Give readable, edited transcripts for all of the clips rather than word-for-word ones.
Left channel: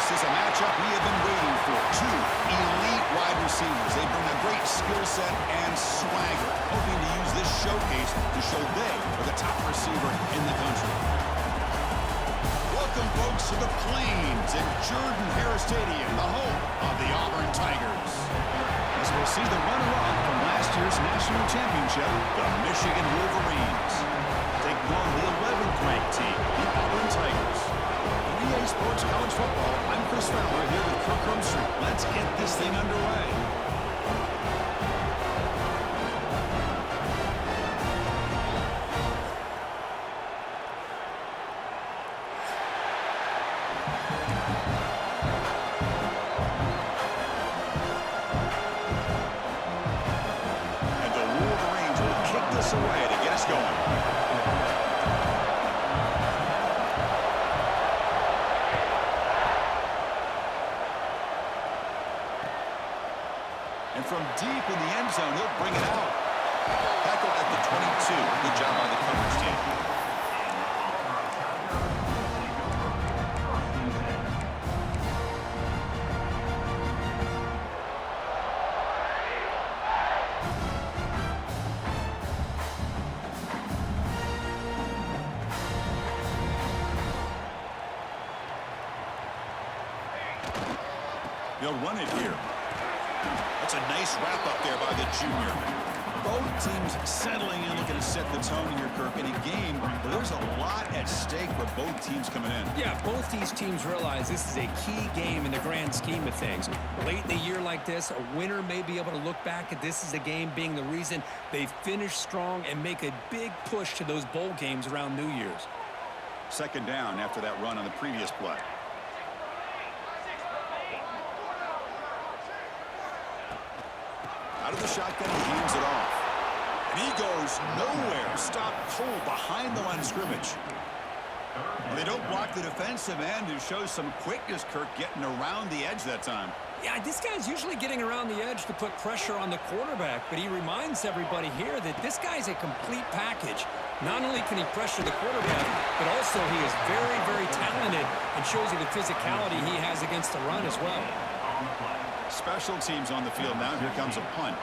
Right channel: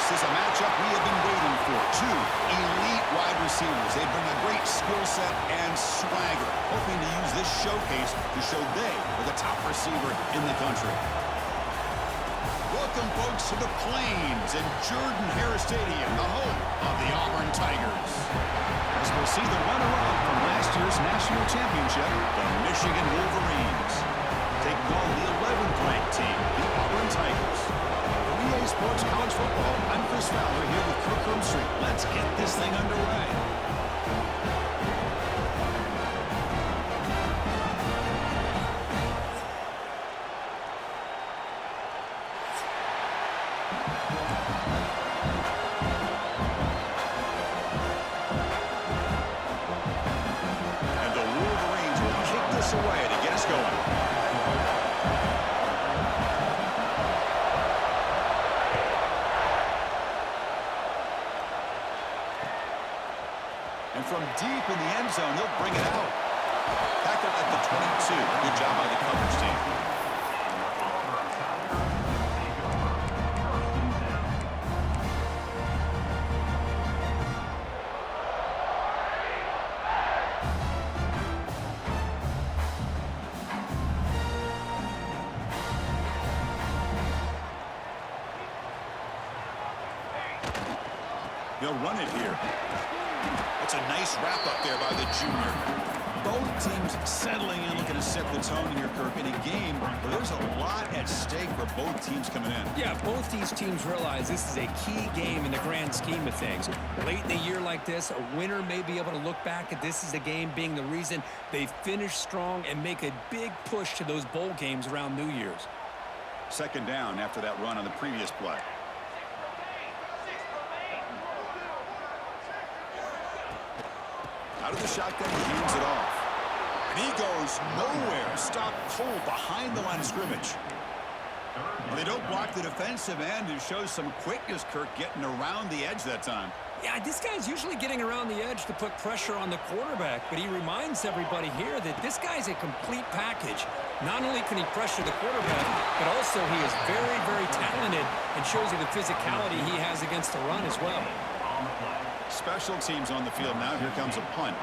This is a matchup we have been waiting for. Two elite wide receivers. They bring a great skill set and swagger, hoping to use this showcase to show they are the top receiver in the country. Welcome, folks, to the Plains in Jordan-Hare Stadium, the home of the Auburn Tigers. As we'll see the runner-up from last year's national championship, the Michigan Wolverines, taking on the 11th ranked team, the Auburn Tigers. For EA Sports College Football, I'm Chris Fowler here with Kirk Herbstreit. Let's get this thing underway. And the Wolverines will kick this away to get us going. And from deep in the end zone, he'll bring it out. Tackled at the 22. Good job by the coverage team. He'll run it here. That's a nice wrap up there by the junior. Both teams settling in, looking to set the tone here, Kirk, in a game where there's a lot at stake for both teams coming in. Yeah, both these teams realize this is a key game in the grand scheme of things. Late in a year like this, a winner may be able to look back at this as a game being the reason they finish strong and make a big push to those bowl games around New Year's. Second down after that run on the previous play. Out of the shotgun, he hands it off. And he goes nowhere. Stopped cold behind the line of scrimmage. Well, they don't block the defensive end, who shows some quickness, Kirk, getting around the edge that time. Yeah, this guy's usually getting around the edge to put pressure on the quarterback, but he reminds everybody here that this guy's a complete package. Not only can he pressure the quarterback, but also he is very, very talented and shows you the physicality he has against the run as well. Special teams on the field now. Here comes a punt.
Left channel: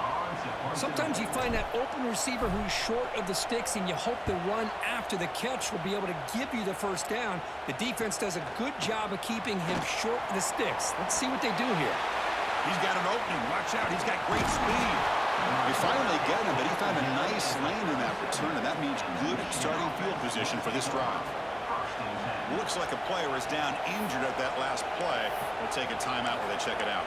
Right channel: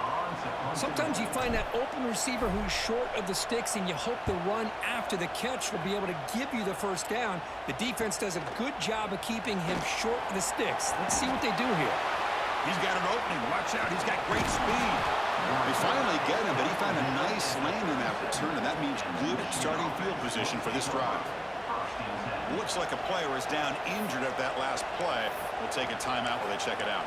Sometimes you find that open receiver who's short of the sticks, and you hope the run after the catch will be able to give you the first down. The defense does a good job of keeping him short of the sticks. Let's see what they do here. He's got an opening. Watch out. He's got great speed. They finally get him, but he found a nice lane in that return, and that means good starting field position for this drive. Looks like a player is down injured at that last play. We'll take a timeout while they check it out.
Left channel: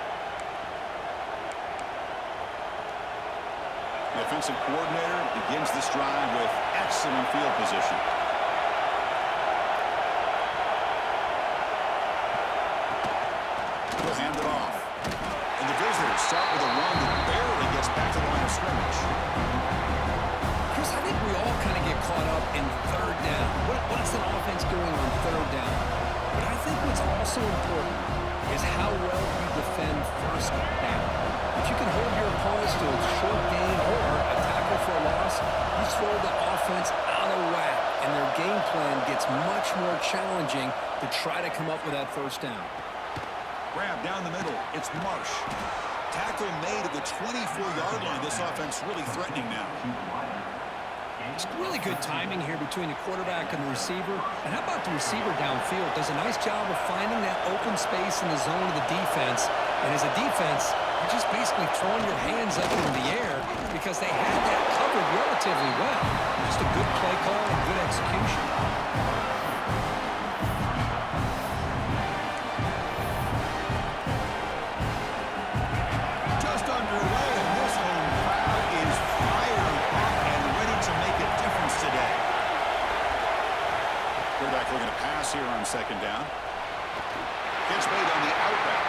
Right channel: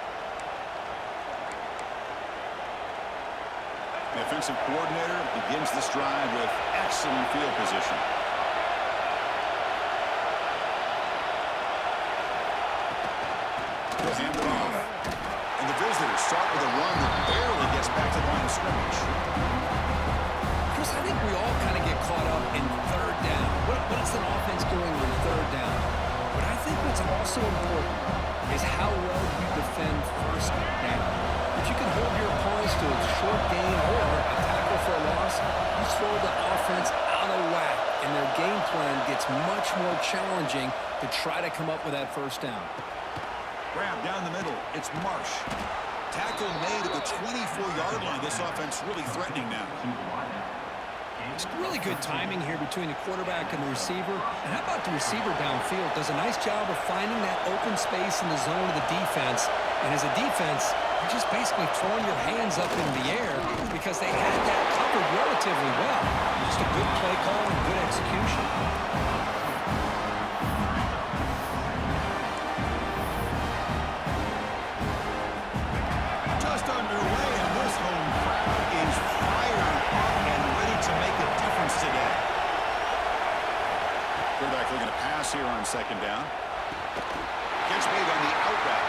The offensive coordinator begins this drive with excellent field position. He'll hand it off. And the visitors start with a run that barely gets back to the line of scrimmage. Chris, I think we all kind of get caught up in third down. What is an offense doing on third down? But I think what's also important is how well you defend first down. If you can hold your opponents to a short gain or a tackle for a loss, you throw the offense out of whack, and their game plan gets much more challenging to try to come up with that first down. Grab down the middle. It's Marsh. Tackle made at the 24-yard line. This offense really threatening now. It's really good timing here between the quarterback and the receiver. And how about the receiver downfield? Does a nice job of finding that open space in the zone of the defense. And as a defense, you're just basically throwing your hands up in the air because they had that covered relatively well. Just a good play call and good execution. Just underway, and this home crowd is fired up and ready to make a difference today. Quarterback looking to pass here on second down. Catch made on the out route.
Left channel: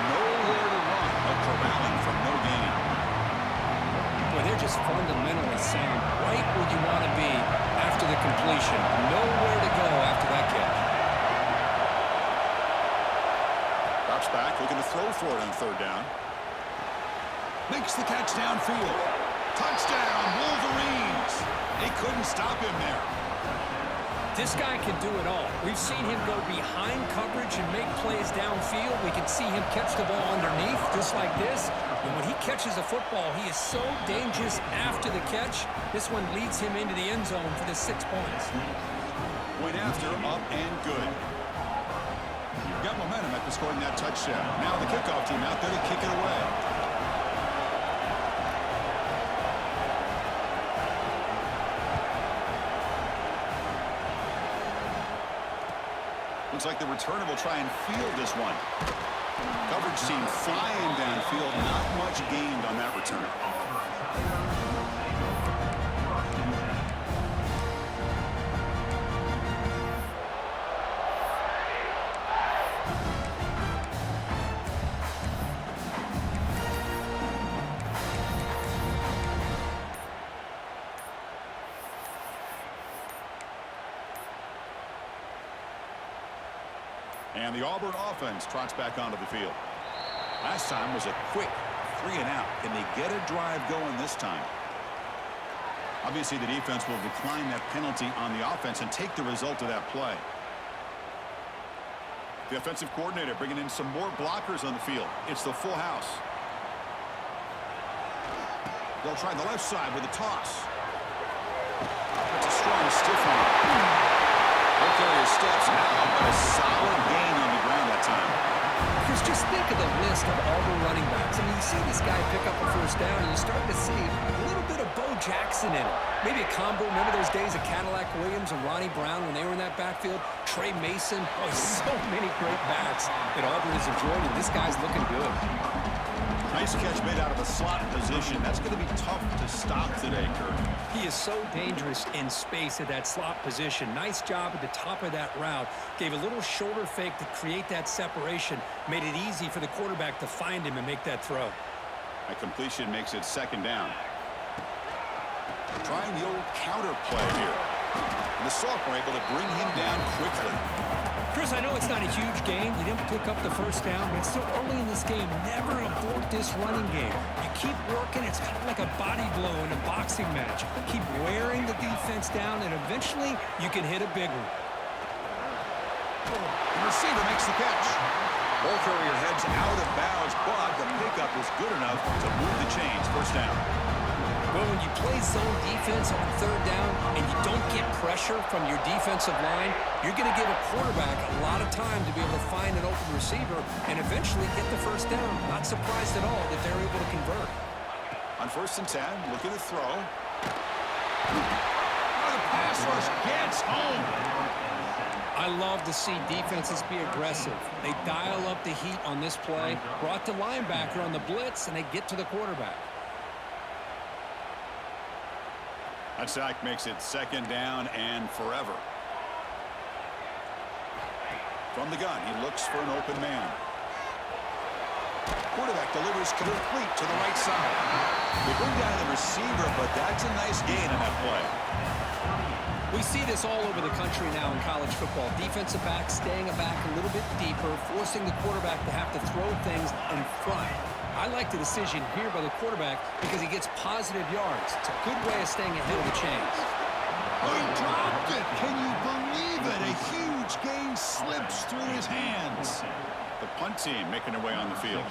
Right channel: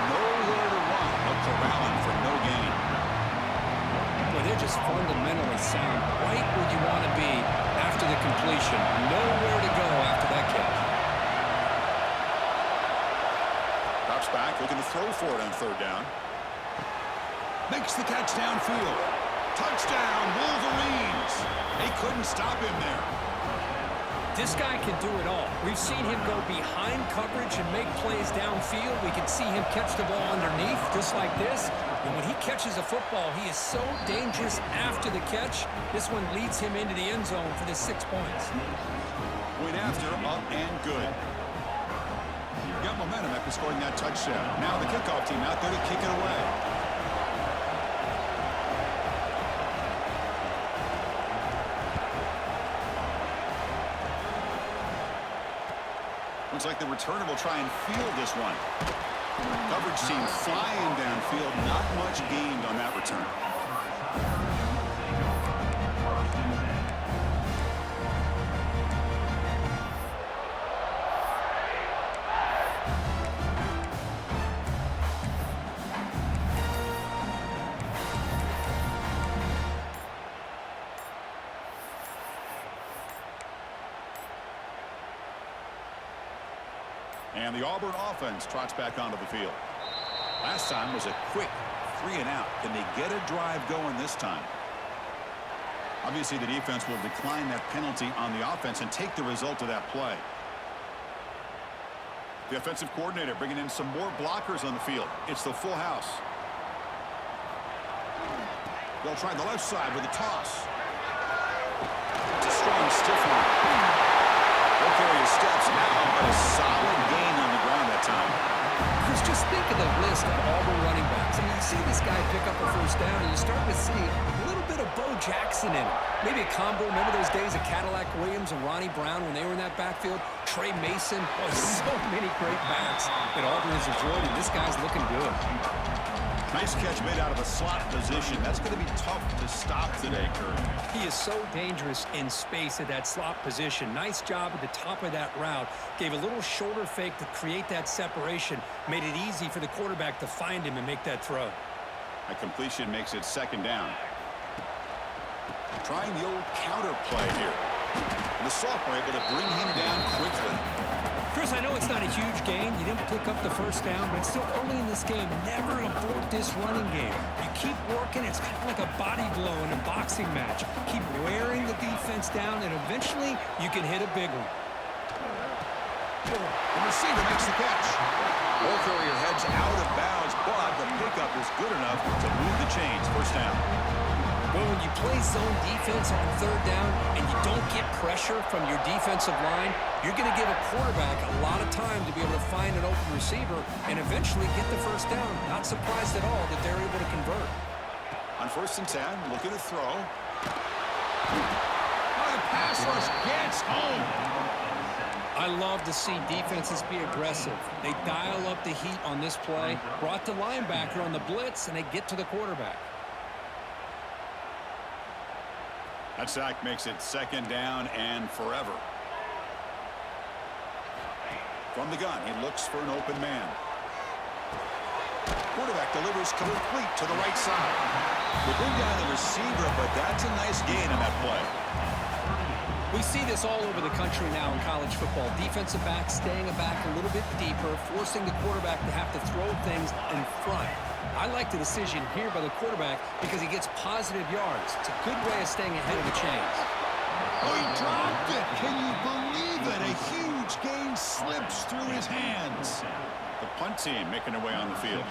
Nowhere to run. A corralling for no gain. Boy, they're just fundamentally sound. Right where you want to be after the completion. Nowhere to go after that catch. Drops back, looking to throw for it on third down. Makes the catch downfield. Touchdown, Wolverines. They couldn't stop him there. This guy can do it all. We've seen him go behind coverage and make plays downfield. We can see him catch the ball underneath, just like this. And when he catches a football, he is so dangerous after the catch. This one leads him into the end zone for the 6 points. Point after, up and good. Got momentum after scoring that touchdown. Now the kickoff team out there to kick it away. Looks like the returner will try and field this one. Coverage team flying downfield. Not much gained on that return. And the Auburn offense trots back onto the field. Last time was a quick 3-and-out. Can they get a drive going this time? Obviously, the defense will decline that penalty on the offense and take the result of that play. The offensive coordinator bringing in some more blockers on the field. It's the full house. They'll try the left side with a toss. It's a strong stiff arm. Ball carrier steps out, but a solid gain on the ground that time. Chris, just think of the list of Auburn running backs. I mean, you see this guy pick up a first down, and you're starting to see a little bit of Bo Jackson in it. Maybe a combo. Remember those days of Cadillac Williams and Ronnie Brown when they were in that backfield? Trey Mason. Oh, so many great backs that Auburn has enjoyed, and this guy's looking good. Nice catch made out of a slot position. That's going to be tough to stop today, Kurt. He is so dangerous in space at that slot position. Nice job at the top of that route. Gave a little shoulder fake to create that separation. Made it easy for the quarterback to find him and make that throw. A completion makes it 2nd down. Trying the old counter play here. And the sophomore able to bring him down quickly. Chris, I know it's not a huge gain. You didn't pick up the first down, but it's still early in this game. Never abort this running game. You keep working. It's kind of like a body blow in a boxing match. Keep wearing the defense down, and eventually you can hit a big one. The receiver makes the catch. Ball carrier heads out of bounds, but the pickup is good enough to move the chains. 1st down. Well, when you play zone defense on 3rd down and you don't get pressure from your defensive line, you're going to give a quarterback a lot of time to be able to find an open receiver and eventually get the 1st down. Not surprised at all that they're able to convert. On 1st and 10, looking to throw. Oh, the pass rush gets home. I love to see defenses be aggressive. They dial up the heat on this play, brought the linebacker on the blitz, and they get to the quarterback. That sack makes it 2nd down and forever. From the gun, he looks for an open man. Quarterback delivers complete to the right side. They bring down the receiver, but that's a nice gain on that play. We see this all over the country now in college football. Defensive backs staying back a little bit deeper, forcing the quarterback to have to throw things in front. I like the decision here by the quarterback because he gets positive yards. It's a good way of staying ahead of the chains. Oh, he dropped it. Can you believe it? A huge gain slips through his hands. The punt team making their way on the field.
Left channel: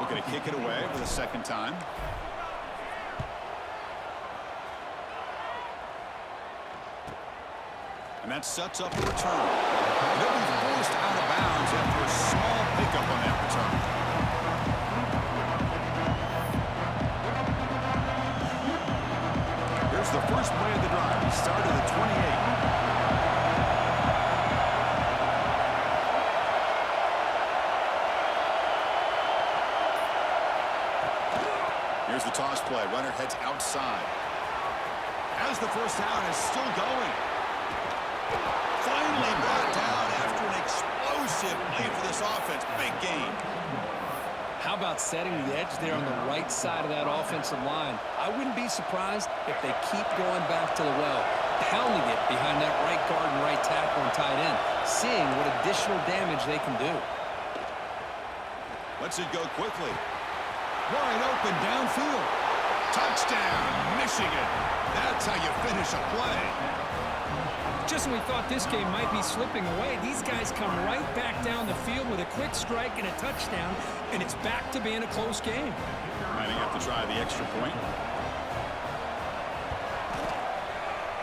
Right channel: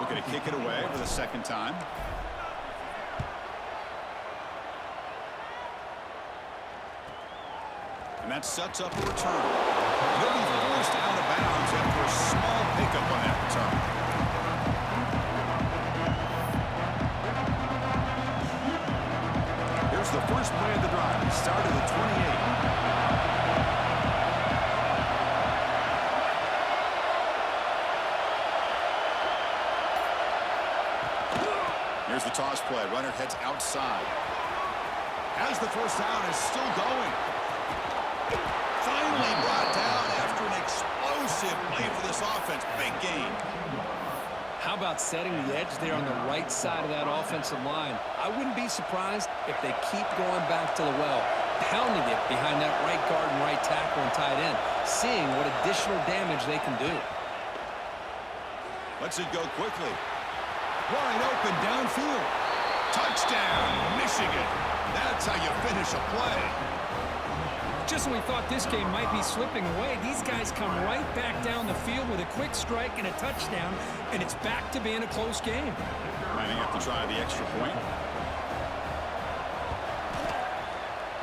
Looking to kick it away for the 2nd time. And that sets up a return. They'll be forced out of bounds after a small pickup on that return. Here's the first play of the drive. He started at 28. Here's the toss play. Runner heads outside. As the 1st down is still going. Finally brought down after an explosive play for this offense. Big gain. How about setting the edge there on the right side of that offensive line? I wouldn't be surprised if they keep going back to the well, pounding it behind that right guard and right tackle and tight end, seeing what additional damage they can do. Lets it go quickly. Wide open downfield. Touchdown, Michigan. That's how you finish a play. Just when we thought this game might be slipping away, these guys come right back down the field with a quick strike and a touchdown, and it's back to being a close game. Lining up to try the extra point.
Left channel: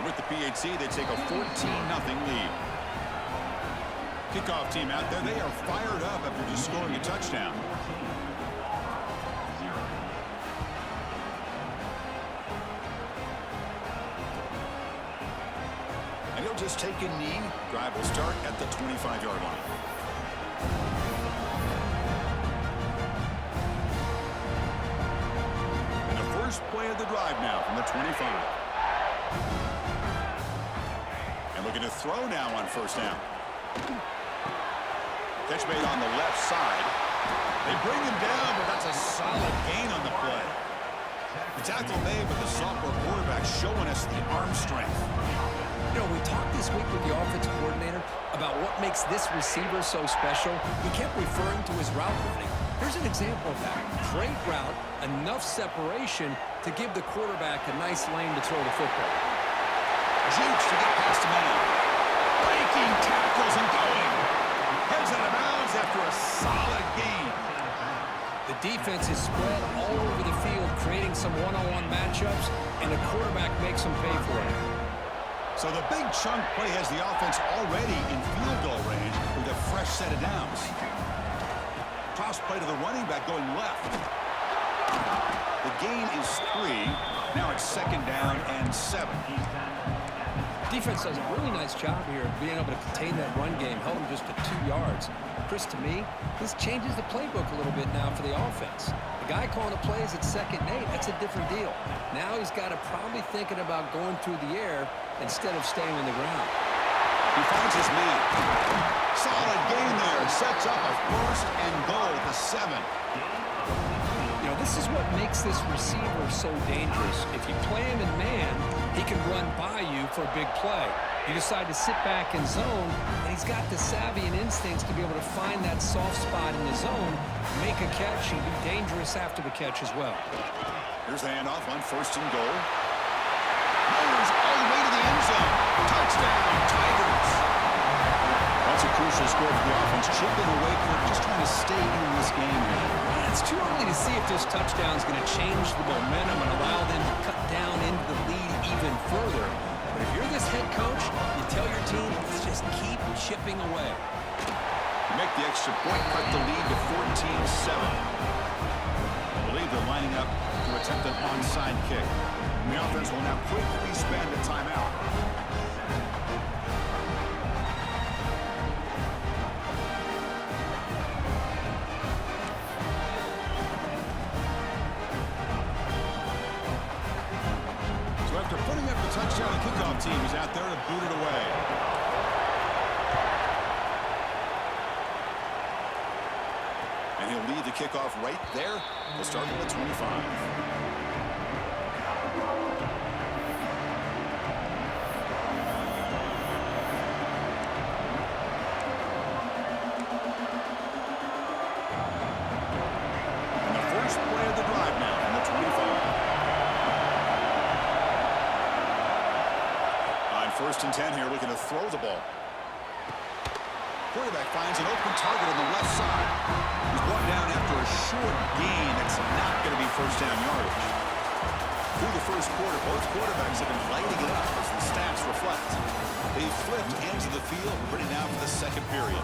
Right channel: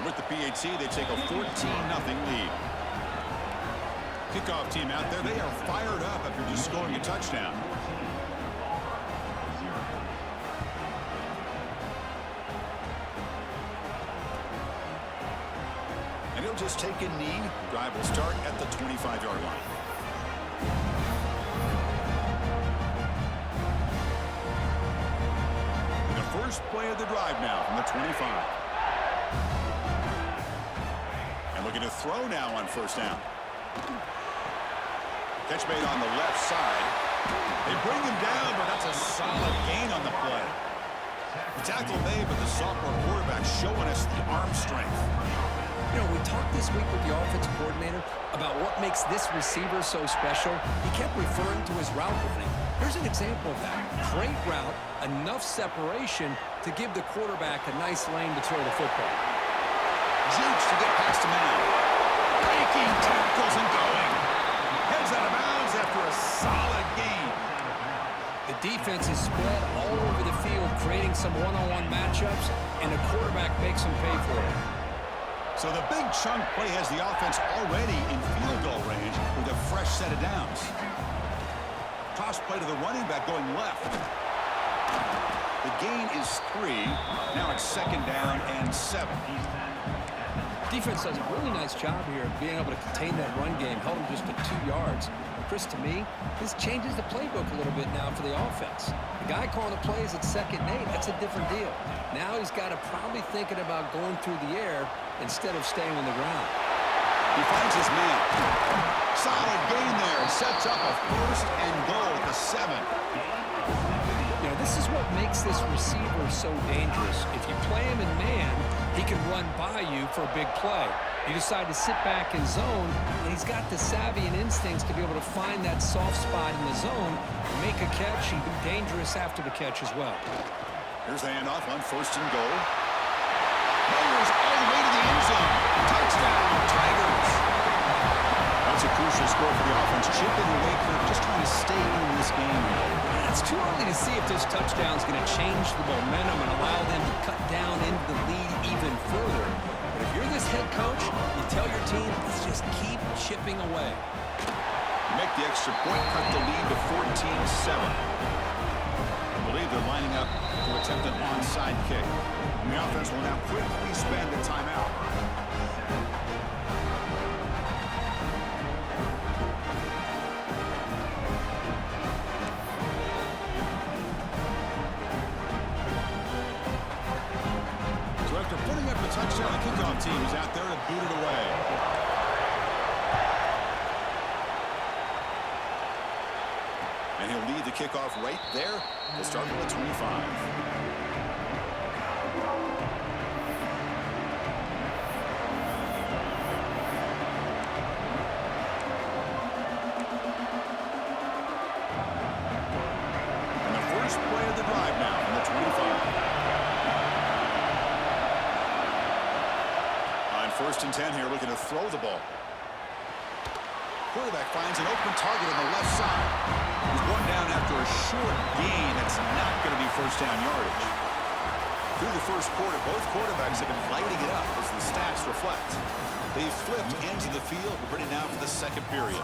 With the PHC, they take a 14-0 lead. Kickoff team out there, they are fired up after just scoring a touchdown. And he'll just take a knee. Drive will start at the 25-yard line. And the first play of the drive now from the 25. And looking to throw now on first down. Catch made on the left side. They bring him down, but that's a solid gain on the play. The tackle made, but the sophomore quarterback showing us the arm strength. You know, we talked this week with the offensive coordinator about what makes this receiver so special. He kept referring to his route running. Here's an example of that. Great route, enough separation to give the quarterback a nice lane to throw the football. Jukes to get past a man. Breaking tackles and going. Heads out of bounds after a solid gain. The defense is spread all over the field, creating some one-on-one matchups, and the quarterback makes them pay for it. So the big chunk play has the offense already in field goal range with a fresh set of downs. Toss play to the running back going left. The gain is 3. Now it's 2nd down and 7. Defense does a really nice job here of being able to contain that run game, held them just to 2 yards. Chris, to me, this changes the playbook a little bit now for the offense. The guy calling the plays at 2nd and 8, that's a different deal. Now he's got to probably thinking about going through the air instead of staying on the ground. He finds his man. Solid gain there. Sets up a 1st and goal at the 7. You know, this is what makes this receiver so dangerous. If you play him in man, he can run by you for a big play. You decide to sit back in zone, and he's got the savvy and instincts to be able to find that soft spot in the zone, make a catch, and be dangerous after the catch as well. Here's the handoff on 1st and goal. Motors all the way to the end zone. Touchdown, Tigers. That's a crucial score for the offense. Chipping away, Kirk, just trying to stay in this game here. It's too early to see if this touchdown is going to change the momentum and allow them to cut down into the lead even further. But if you're this head coach, you tell your team, let's just keep chipping away. Make the extra point, cut the lead to 14-7. I believe they're lining up to attempt an onside kick. And the offense will now quickly spend a timeout. So after putting up the touchdown, the kickoff team is out there to boot it away. And he'll lead the kickoff right there. We'll start with the 25. And the first play of the drive now from the 25. On 1st and 10 here, looking to throw the ball. Quarterback finds an open target on the left side. He's one down after a short gain. That's not going to be 1st down yardage. Through the first quarter, both quarterbacks have been lighting it up as the stats reflect. They flipped into the field. We're ready now for the 2nd period.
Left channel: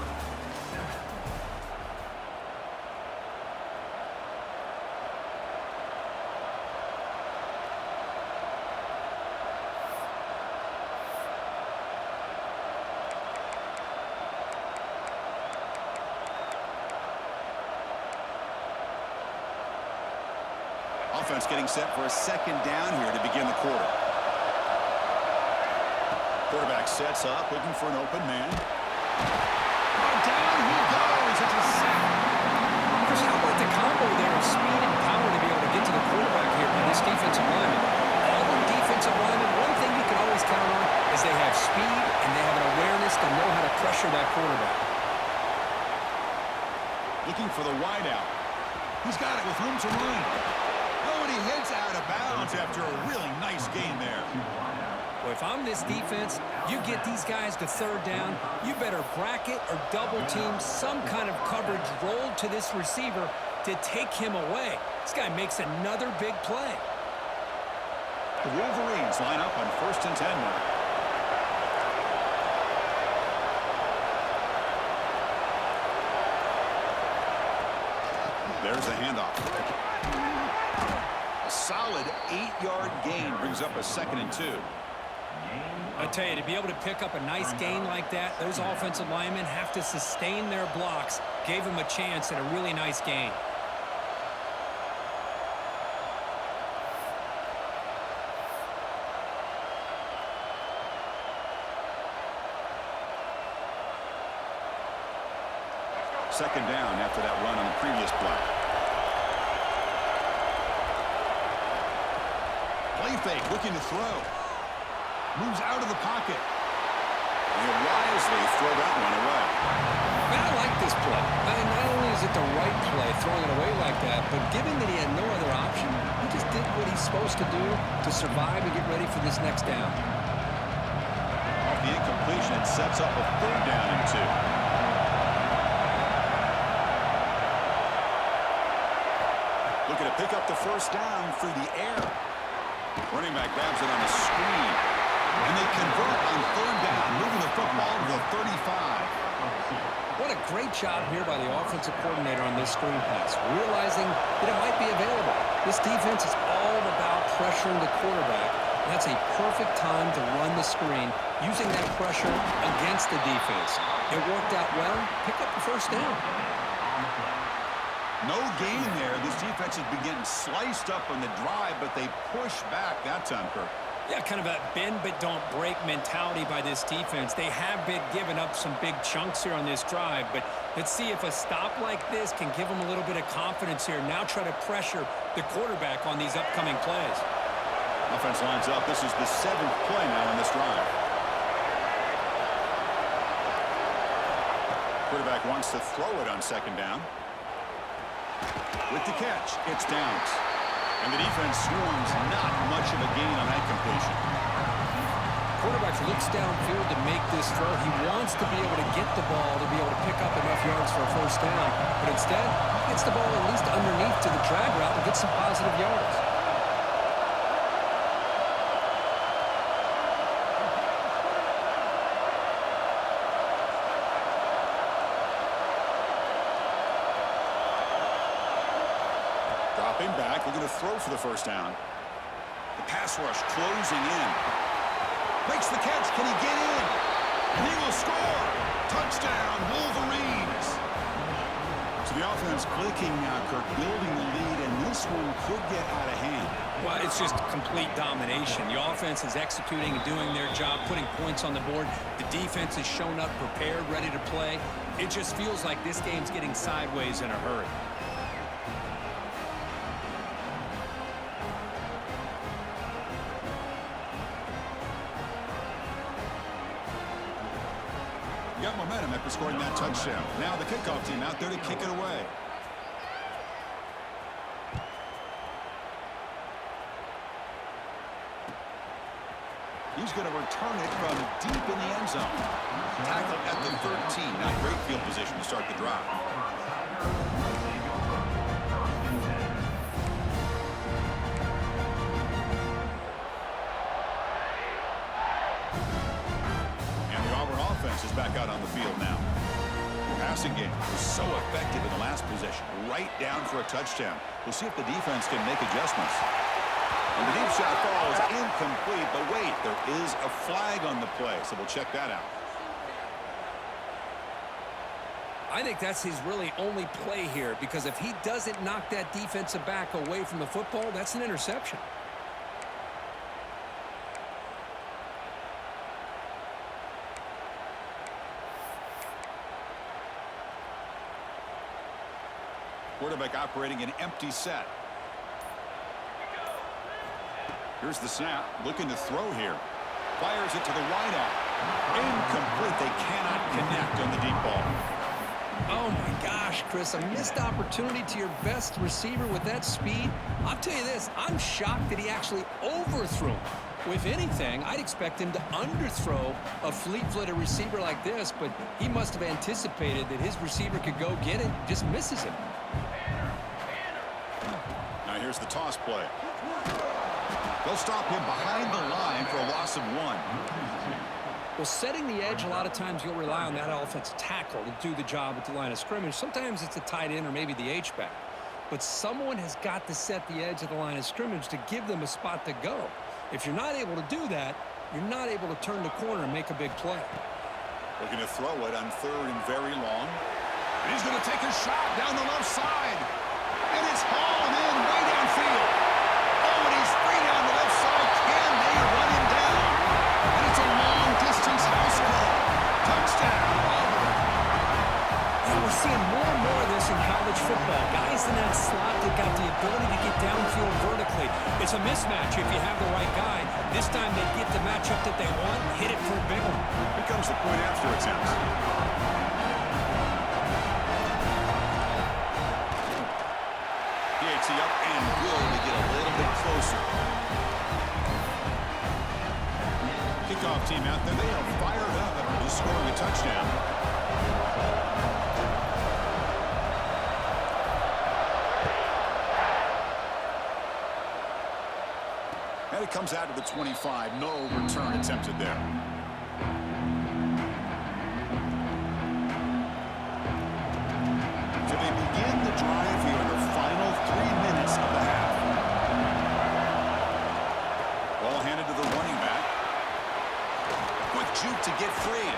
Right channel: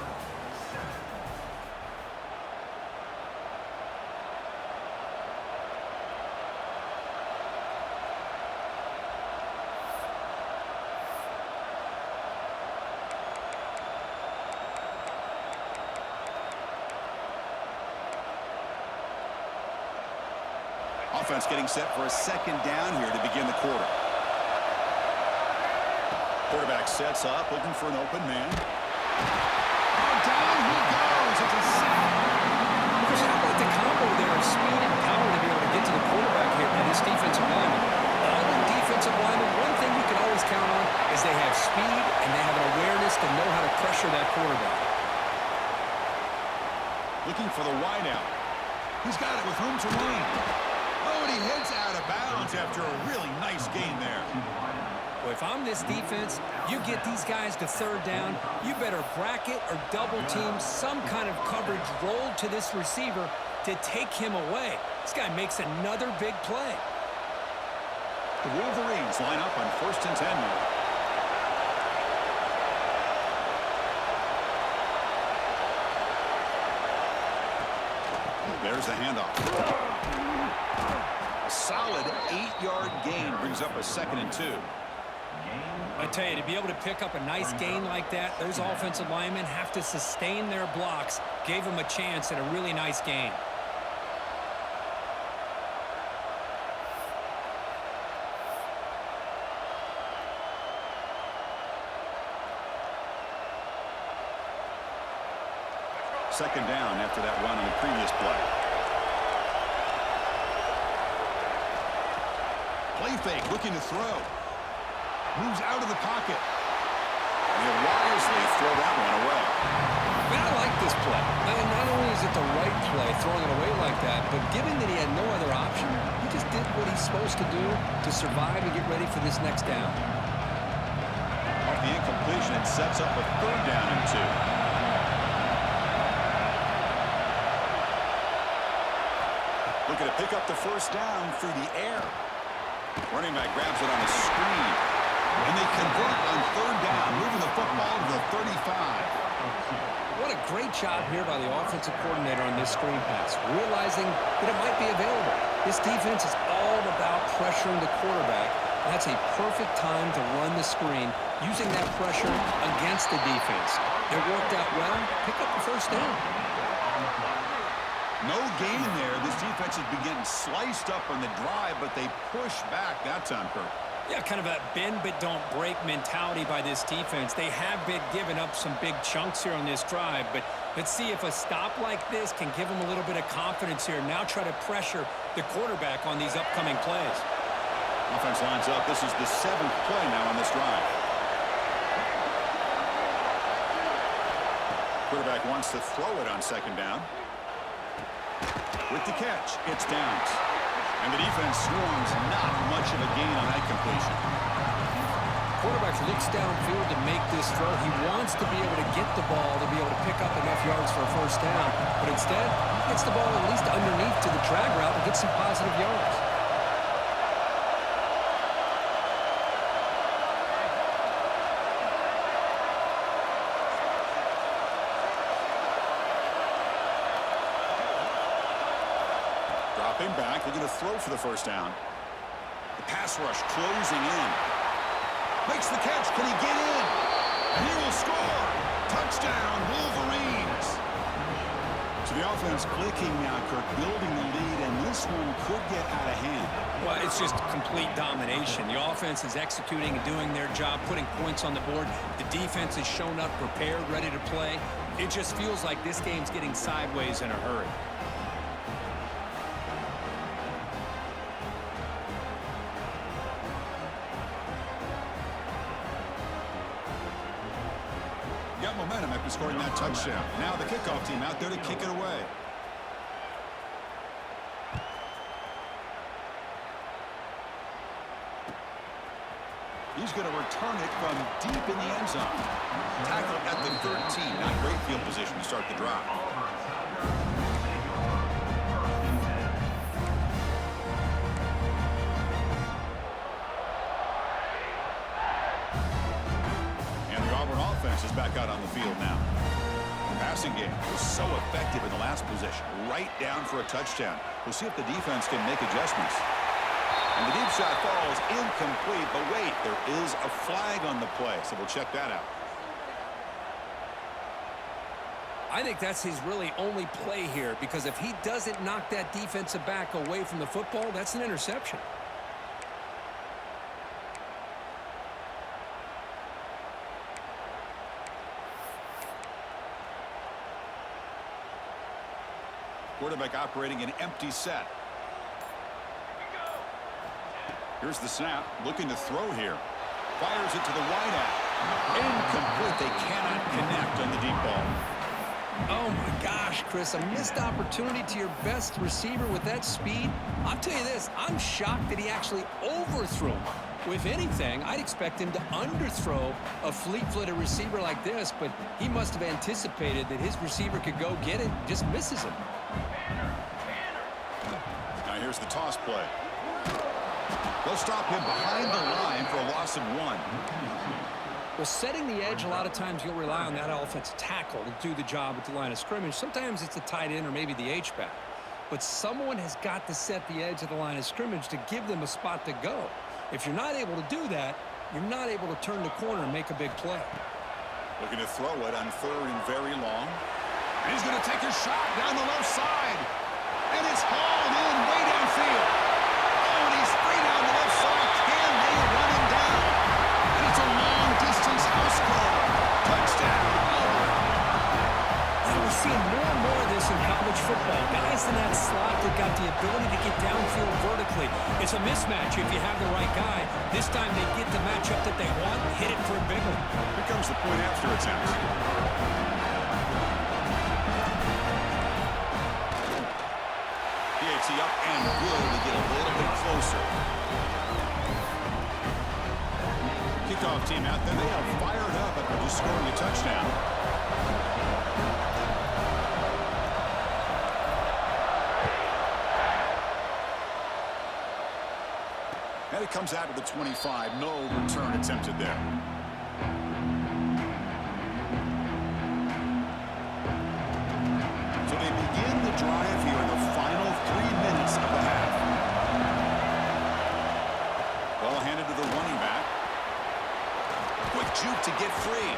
Offense getting set for a 2nd down here to begin the quarter. Quarterback sets up, looking for an open man. Oh, down he goes. It's a sack. Chris, how about the combo there of speed and power to be able to get to the quarterback here by this defensive lineman? Auburn defensive linemen, one thing you can always count on is they have speed and they have an awareness to know how to pressure that quarterback. Looking for the wideout. He's got it with room to run. Oh, and he heads out of bounds after a really nice gain there. Well, if I'm this defense, you get these guys to third down, you better bracket or double team some kind of coverage rolled to this receiver to take him away. This guy makes another big play. The Wolverines line up on 1st and 10 now. There's the handoff. A solid 8-yard gain brings up a 2nd and 2. I tell you, to be able to pick up a nice gain like that, those offensive linemen have to sustain their blocks. Gave him a chance at a really nice gain. Second down after that run on the previous play. Play fake, looking to throw. Moves out of the pocket. He'll wisely throw that one away. Man, I like this play. And not only is it the right play, throwing it away like that, but given that he had no other option, he just did what he's supposed to do to survive and get ready for this next down. Off the incompletion, it sets up a 3rd down and 2. Looking to pick up the 1st down through the air. Running back grabs it on a screen. And they convert on 3rd down, moving the football to the 35. What a great job here by the offensive coordinator on this screen pass, realizing that it might be available. This defense is all about pressuring the quarterback. And that's a perfect time to run the screen, using that pressure against the defense. It worked out well. Pick up the 1st down. No gain there. This defense has been getting sliced up on the drive, but they push back that time, Kirk. Yeah, kind of a bend but don't break mentality by this defense. They have been giving up some big chunks here on this drive, but let's see if a stop like this can give them a little bit of confidence here. Now try to pressure the quarterback on these upcoming plays. Offense lines up. This is the 7th play now on this drive. Quarterback wants to throw it on 2nd down. With the catch, it's downs. And the defense swarms, not much of a gain on that completion. Quarterback looks downfield to make this throw. He wants to be able to get the ball to be able to pick up enough yards for a 1st down. But instead, he gets the ball at least underneath to the drag route and gets some positive yards. Dropping back, looking to throw for the 1st down. The pass rush closing in. Makes the catch. Can he get in? And he will score. Touchdown, Wolverines. So the offense clicking now, Kirk, building the lead, and this one could get out of hand. Well, it's just complete domination. The offense is executing and doing their job, putting points on the board. The defense has shown up prepared, ready to play. It just feels like this game's getting sideways in a hurry. Got momentum after scoring that touchdown. Now the kickoff team out there to kick it away. He's going to return it from deep in the end zone. Tackle at the 13. Not great field position to start the drive. Auburn offense is back out on the field now. The passing game was so effective in the last possession, right down for a touchdown. We'll see if the defense can make adjustments. And the deep shot falls incomplete, but wait, there is a flag on the play, so we'll check that out. I think that's his really only play here, because if he doesn't knock that defensive back away from the football, that's an interception. Quarterback operating an empty set. Here's the snap. Looking to throw here. Fires it to the wide out. Incomplete. They cannot connect on the deep ball. Oh, my gosh, Chris. A missed opportunity to your best receiver with that speed. I'll tell you this. I'm shocked that he actually overthrew him. If anything, I'd expect him to underthrow a fleet-footed receiver like this, but he must have anticipated that his receiver could go get it and just misses him. Now here's the toss play. They'll stop him behind the line for a loss of 1. Well, setting the edge, a lot of times you'll rely on that offensive tackle to do the job at the line of scrimmage. Sometimes it's the tight end or maybe the H-back. But someone has got to set the edge of the line of scrimmage to give them a spot to go. If you're not able to do that, you're not able to turn the corner and make a big play. Looking to throw it on 3rd and very long. And he's going to take a shot down the left side. And it's hauled in way downfield. Oh, and he's free down the left side. Can they run him down? And it's a long-distance house call. Touchdown, Auburn. Now we're seeing more and more of this in college football. Guys in that slot that got the ability to get downfield vertically. It's a mismatch if you have the right guy. This time they get the matchup that they want, hit it for a big one. Here comes the point after attempt. PAT up and good to get a little bit closer. Kickoff team out there. They are fired up after just scoring a touchdown. And it comes out to the 25. No return attempted there. So they begin the drive here in the final 3 minutes of the half. Ball handed to the running back. Quick juke to get free.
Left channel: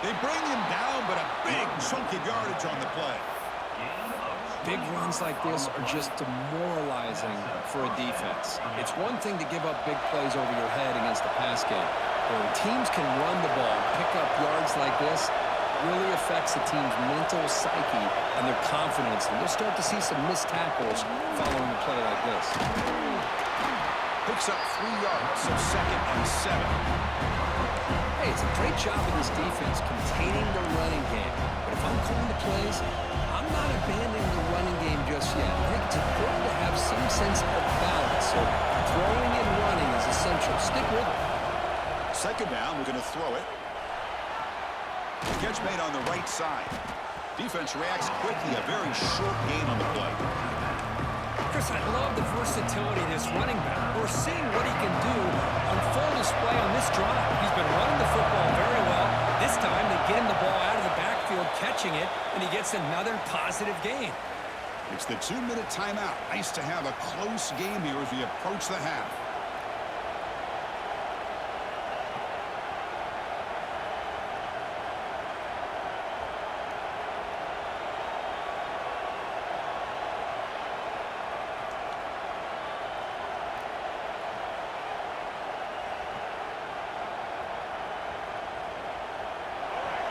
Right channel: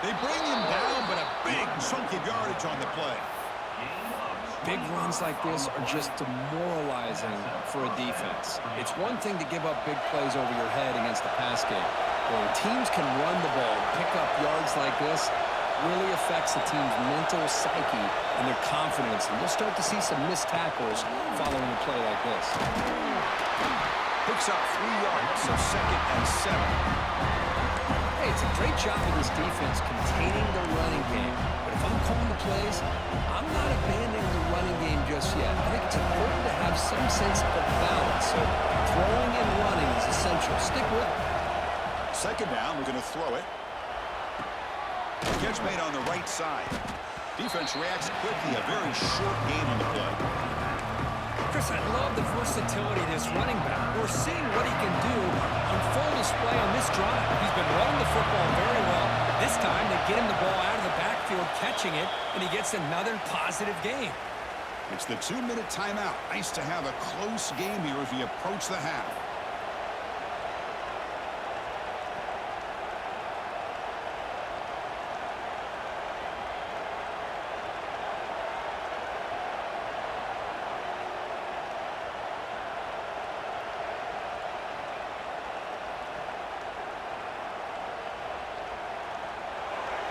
They bring him down, but a big chunk of yardage on the play. Big runs like this are just demoralizing for a defense. It's one thing to give up big plays over your head against the pass game. But when teams can run the ball and pick up yards like this, really affects the team's mental psyche and their confidence. And you'll start to see some missed tackles following a play like this. Picks up 3 yards, so 2nd and 7. Hey, it's a great job of this defense containing the running game. But if I'm calling the plays, I'm not abandoning the running game just yet. I think it's important to have some sense of balance. So throwing and running is essential. Stick with it. 2nd down, we're going to throw it. Catch made on the right side. Defense reacts quickly. A very short gain on the play. Chris, I love the versatility of this running back. We're seeing what he can do on full display on this drive. He's been running the football very well. This time, they get him the ball out of the backfield, catching it, and he gets another positive gain. It's the 2-minute timeout. Nice to have a close game here as we approach the half.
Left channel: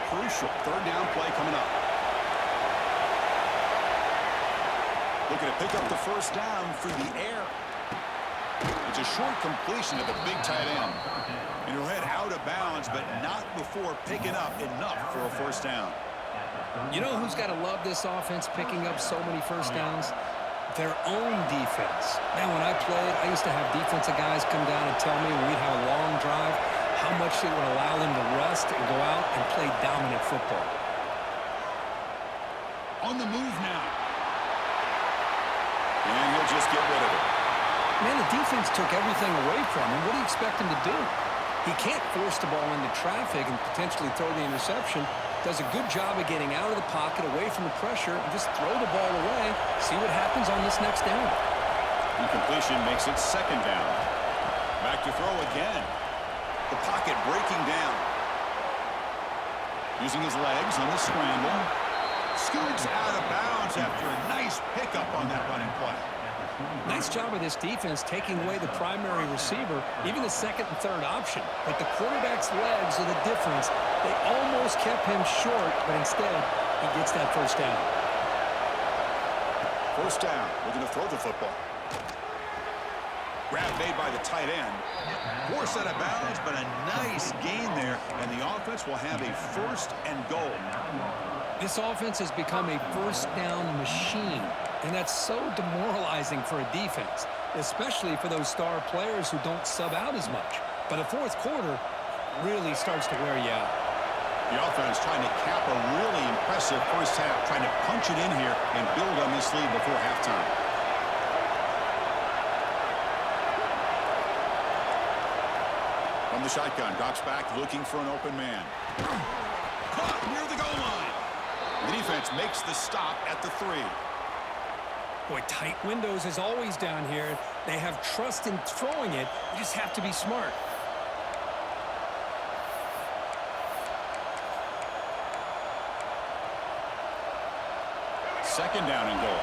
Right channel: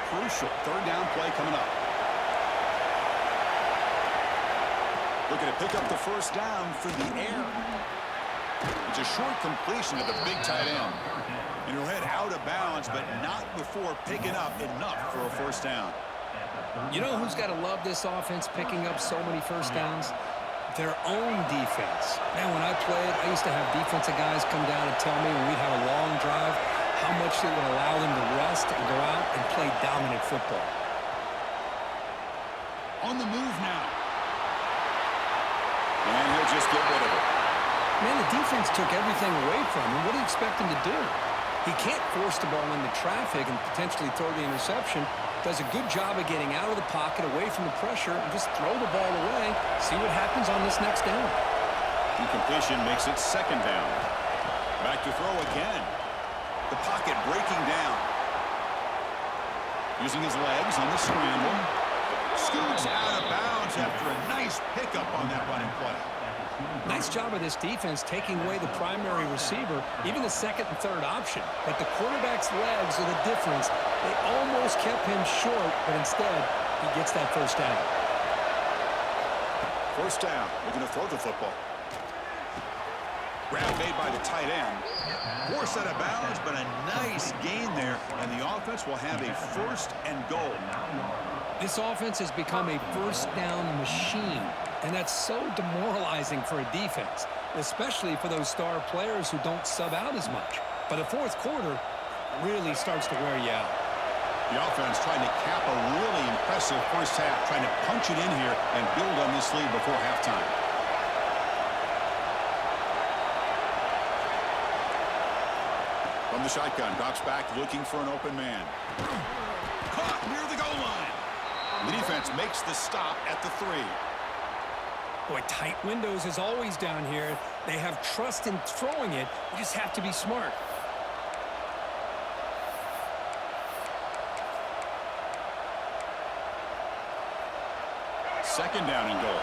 Crucial 3rd down play coming up. Looking to pick up the 1st down through the air. It's a short completion to the big tight end. And he'll head out of bounds, but not before picking up enough for a 1st down. You know who's got to love this offense picking up so many 1st downs? Their own defense. Man, when I played, I used to have defensive guys come down and tell me when we'd have a long drive how much it would allow them to rest and go out and play dominant football. On the move now. And he'll just get rid of it. Man, the defense took everything away from him. What do you expect him to do? He can't force the ball into traffic and potentially throw the interception. Does a good job of getting out of the pocket, away from the pressure, and just throw the ball away. See what happens on this next down. Incompletion makes it 2nd down. Back to throw again. The pocket breaking down. Using his legs on the scramble. Scoots out of bounds after a nice pickup on that running play. Nice job of this defense taking away the primary receiver, even the 2nd and 3rd option. But the quarterback's legs are the difference. They almost kept him short, but instead, he gets that 1st down. 1st down. Looking to throw the football. Grab made by the tight end. Forced out of bounds, but a nice gain there, and the offense will have a 1st and goal. This offense has become a 1st down machine, and that's so demoralizing for a defense. especially for those star players who don't sub out as much. But the fourth quarter really starts to wear you out. The offense trying to cap a really impressive first half, trying to punch it in here and build on this lead before halftime. From the shotgun, drops back looking for an open man. Caught near the goal line. The defense makes the stop at the 3. Boy, tight windows is always down here. They have trust in throwing it. You just have to be smart. Second down and goal.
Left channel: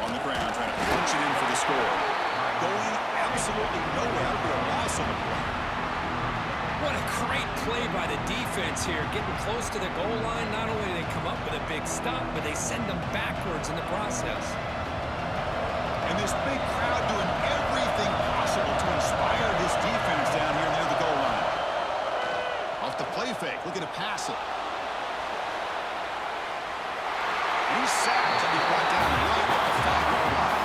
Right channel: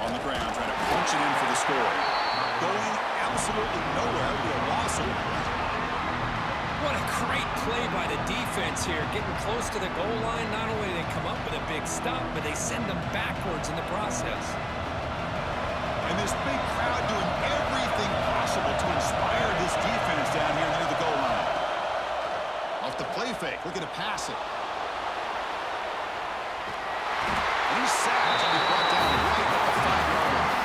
On the ground, trying to punch it in for the score. Going absolutely nowhere. It'll be a loss on the play. What a great play by the defense here. Getting close to the goal line, not only do they come up with a big stop, but they send them backwards in the process. And this big crowd doing everything possible to inspire this defense down here near the goal line. Off the play fake, looking to pass it. And he's sacked and be brought down right at the 5-yard line.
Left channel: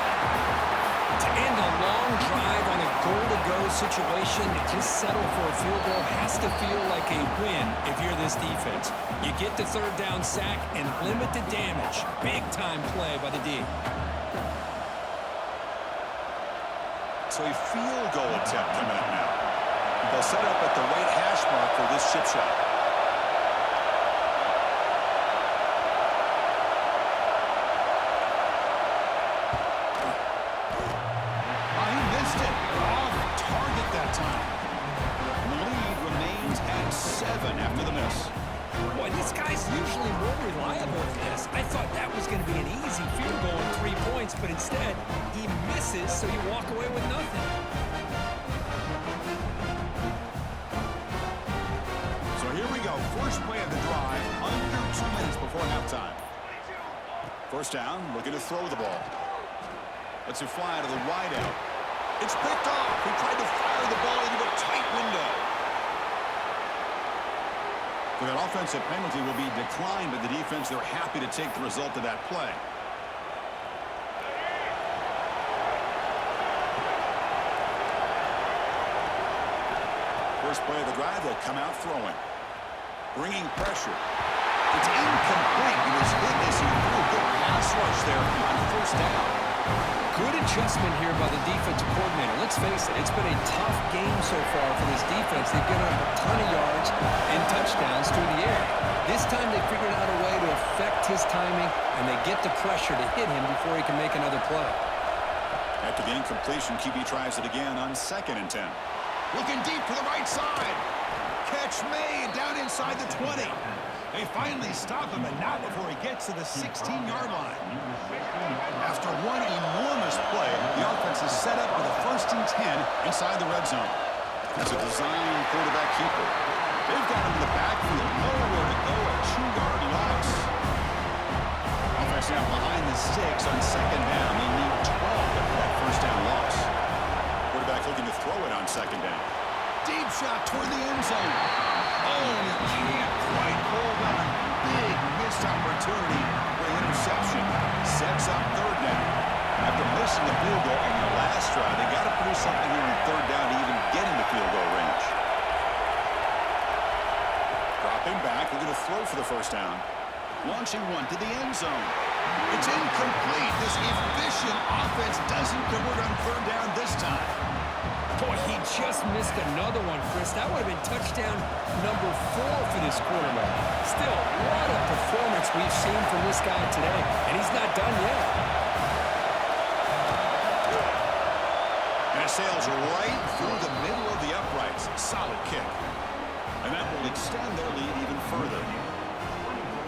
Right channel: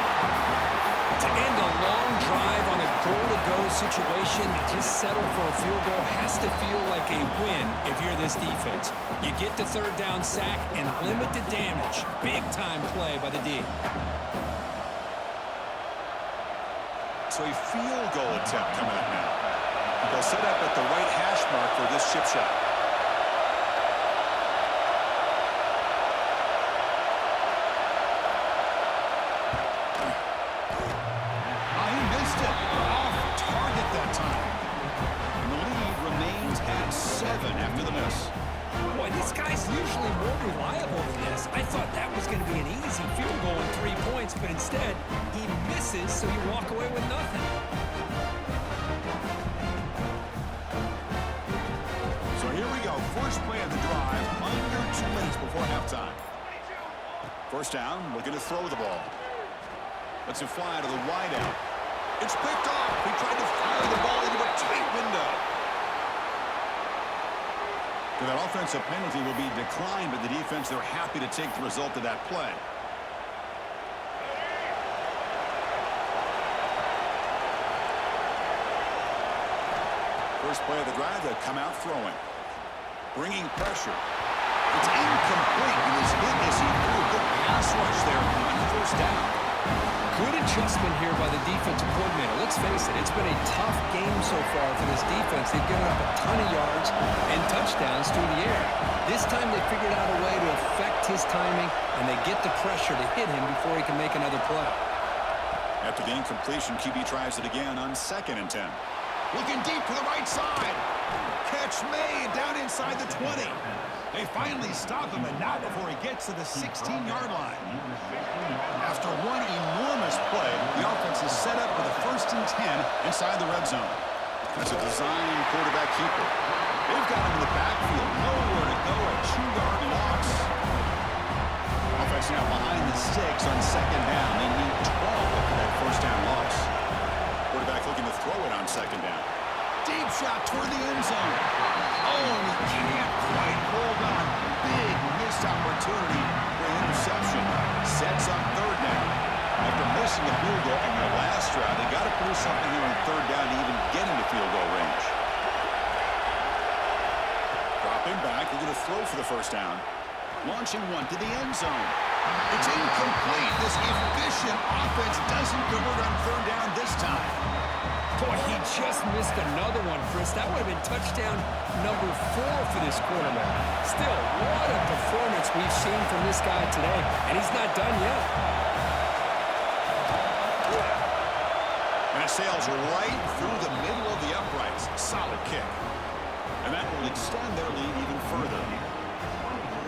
To end a long drive on a goal-to-go situation, just settle for a field goal has to feel like a win if you're this defense. You get the third down sack and limit the damage. Big-time play by the D. So a field goal attempt coming up now. They'll set up at the right hash mark for this chip shot. He missed it. Off target that time. And the lead remains at 7 after the miss. Boy, this guy's usually more reliable than this. I thought that was going to be an easy field goal and 3 points, but instead, he misses, so you walk away with nothing. So here we go. First play of the drive, under 2 minutes before halftime. First down, looking to throw the ball. Lets it fly to the wideout. It's picked off. He tried to fire the ball into a tight window. So that offensive penalty will be declined, but the defense, they're happy to take the result of that play. First play of the drive, they'll come out throwing. Bringing pressure. It's incomplete. He was hit as he threw a good pass rush there on first down. Good adjustment here by the defensive coordinator. Let's face it, it's been a tough game so far for this defense. They've given up a ton of yards and touchdowns through the air. This time they figured out a way to affect his timing, and they get the pressure to hit him before he can make another play. After the incompletion, QB tries it again on 2nd and 10. Looking deep to the right side. Catch made down inside the 20. They finally stop him, and not before he gets to the 16-yard line. After one enormous play, the offense is set up with a 1st and 10 inside the red zone. That's a design quarterback keeper. They've got him in the backfield, nowhere to go, a 2-yard loss. Offense now behind the 6 on 2nd down. They need 12 after that first down loss. Quarterback looking to throw it on 2nd down. Deep shot toward the end zone. Oh, and he can't quite hold on. Big missed opportunity for an interception. Sets up 3rd down. After missing the field goal on their last drive, they got to produce something here on 3rd down to even get into field goal range. Dropping back, looking to throw for the first down. Launching one to the end zone. It's incomplete. This efficient offense doesn't convert on 3rd down this time. Boy, he just missed another one, Chris. That would have been touchdown number 4 for this quarterback. Still, what a performance we've seen from this guy today, and he's not done yet. And it sails right through the middle of the uprights. Solid kick. And that will extend their lead even further.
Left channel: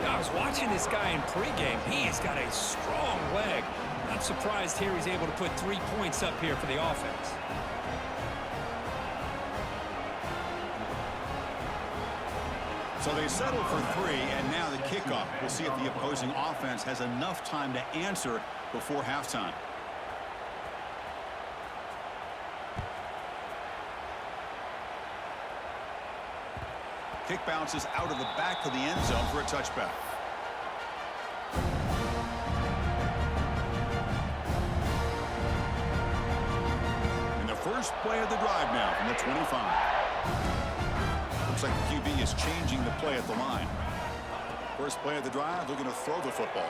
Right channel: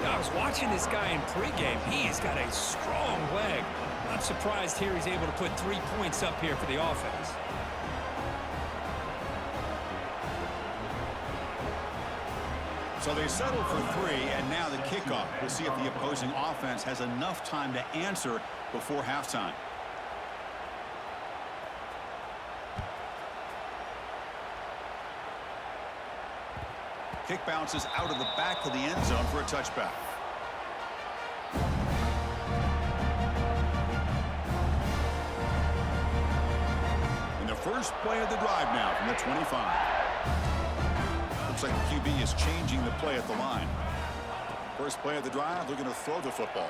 I was watching this guy in pregame. He's got a strong leg. Not surprised here he's able to put 3 points up here for the offense. So they settle for 3, and now the kickoff. We'll see if the opposing offense has enough time to answer before halftime. Kick bounces out of the back of the end zone for a touchback. In the first play of the drive now from the 25. Looks like the QB is changing the play at the line. First play of the drive, looking to throw the football.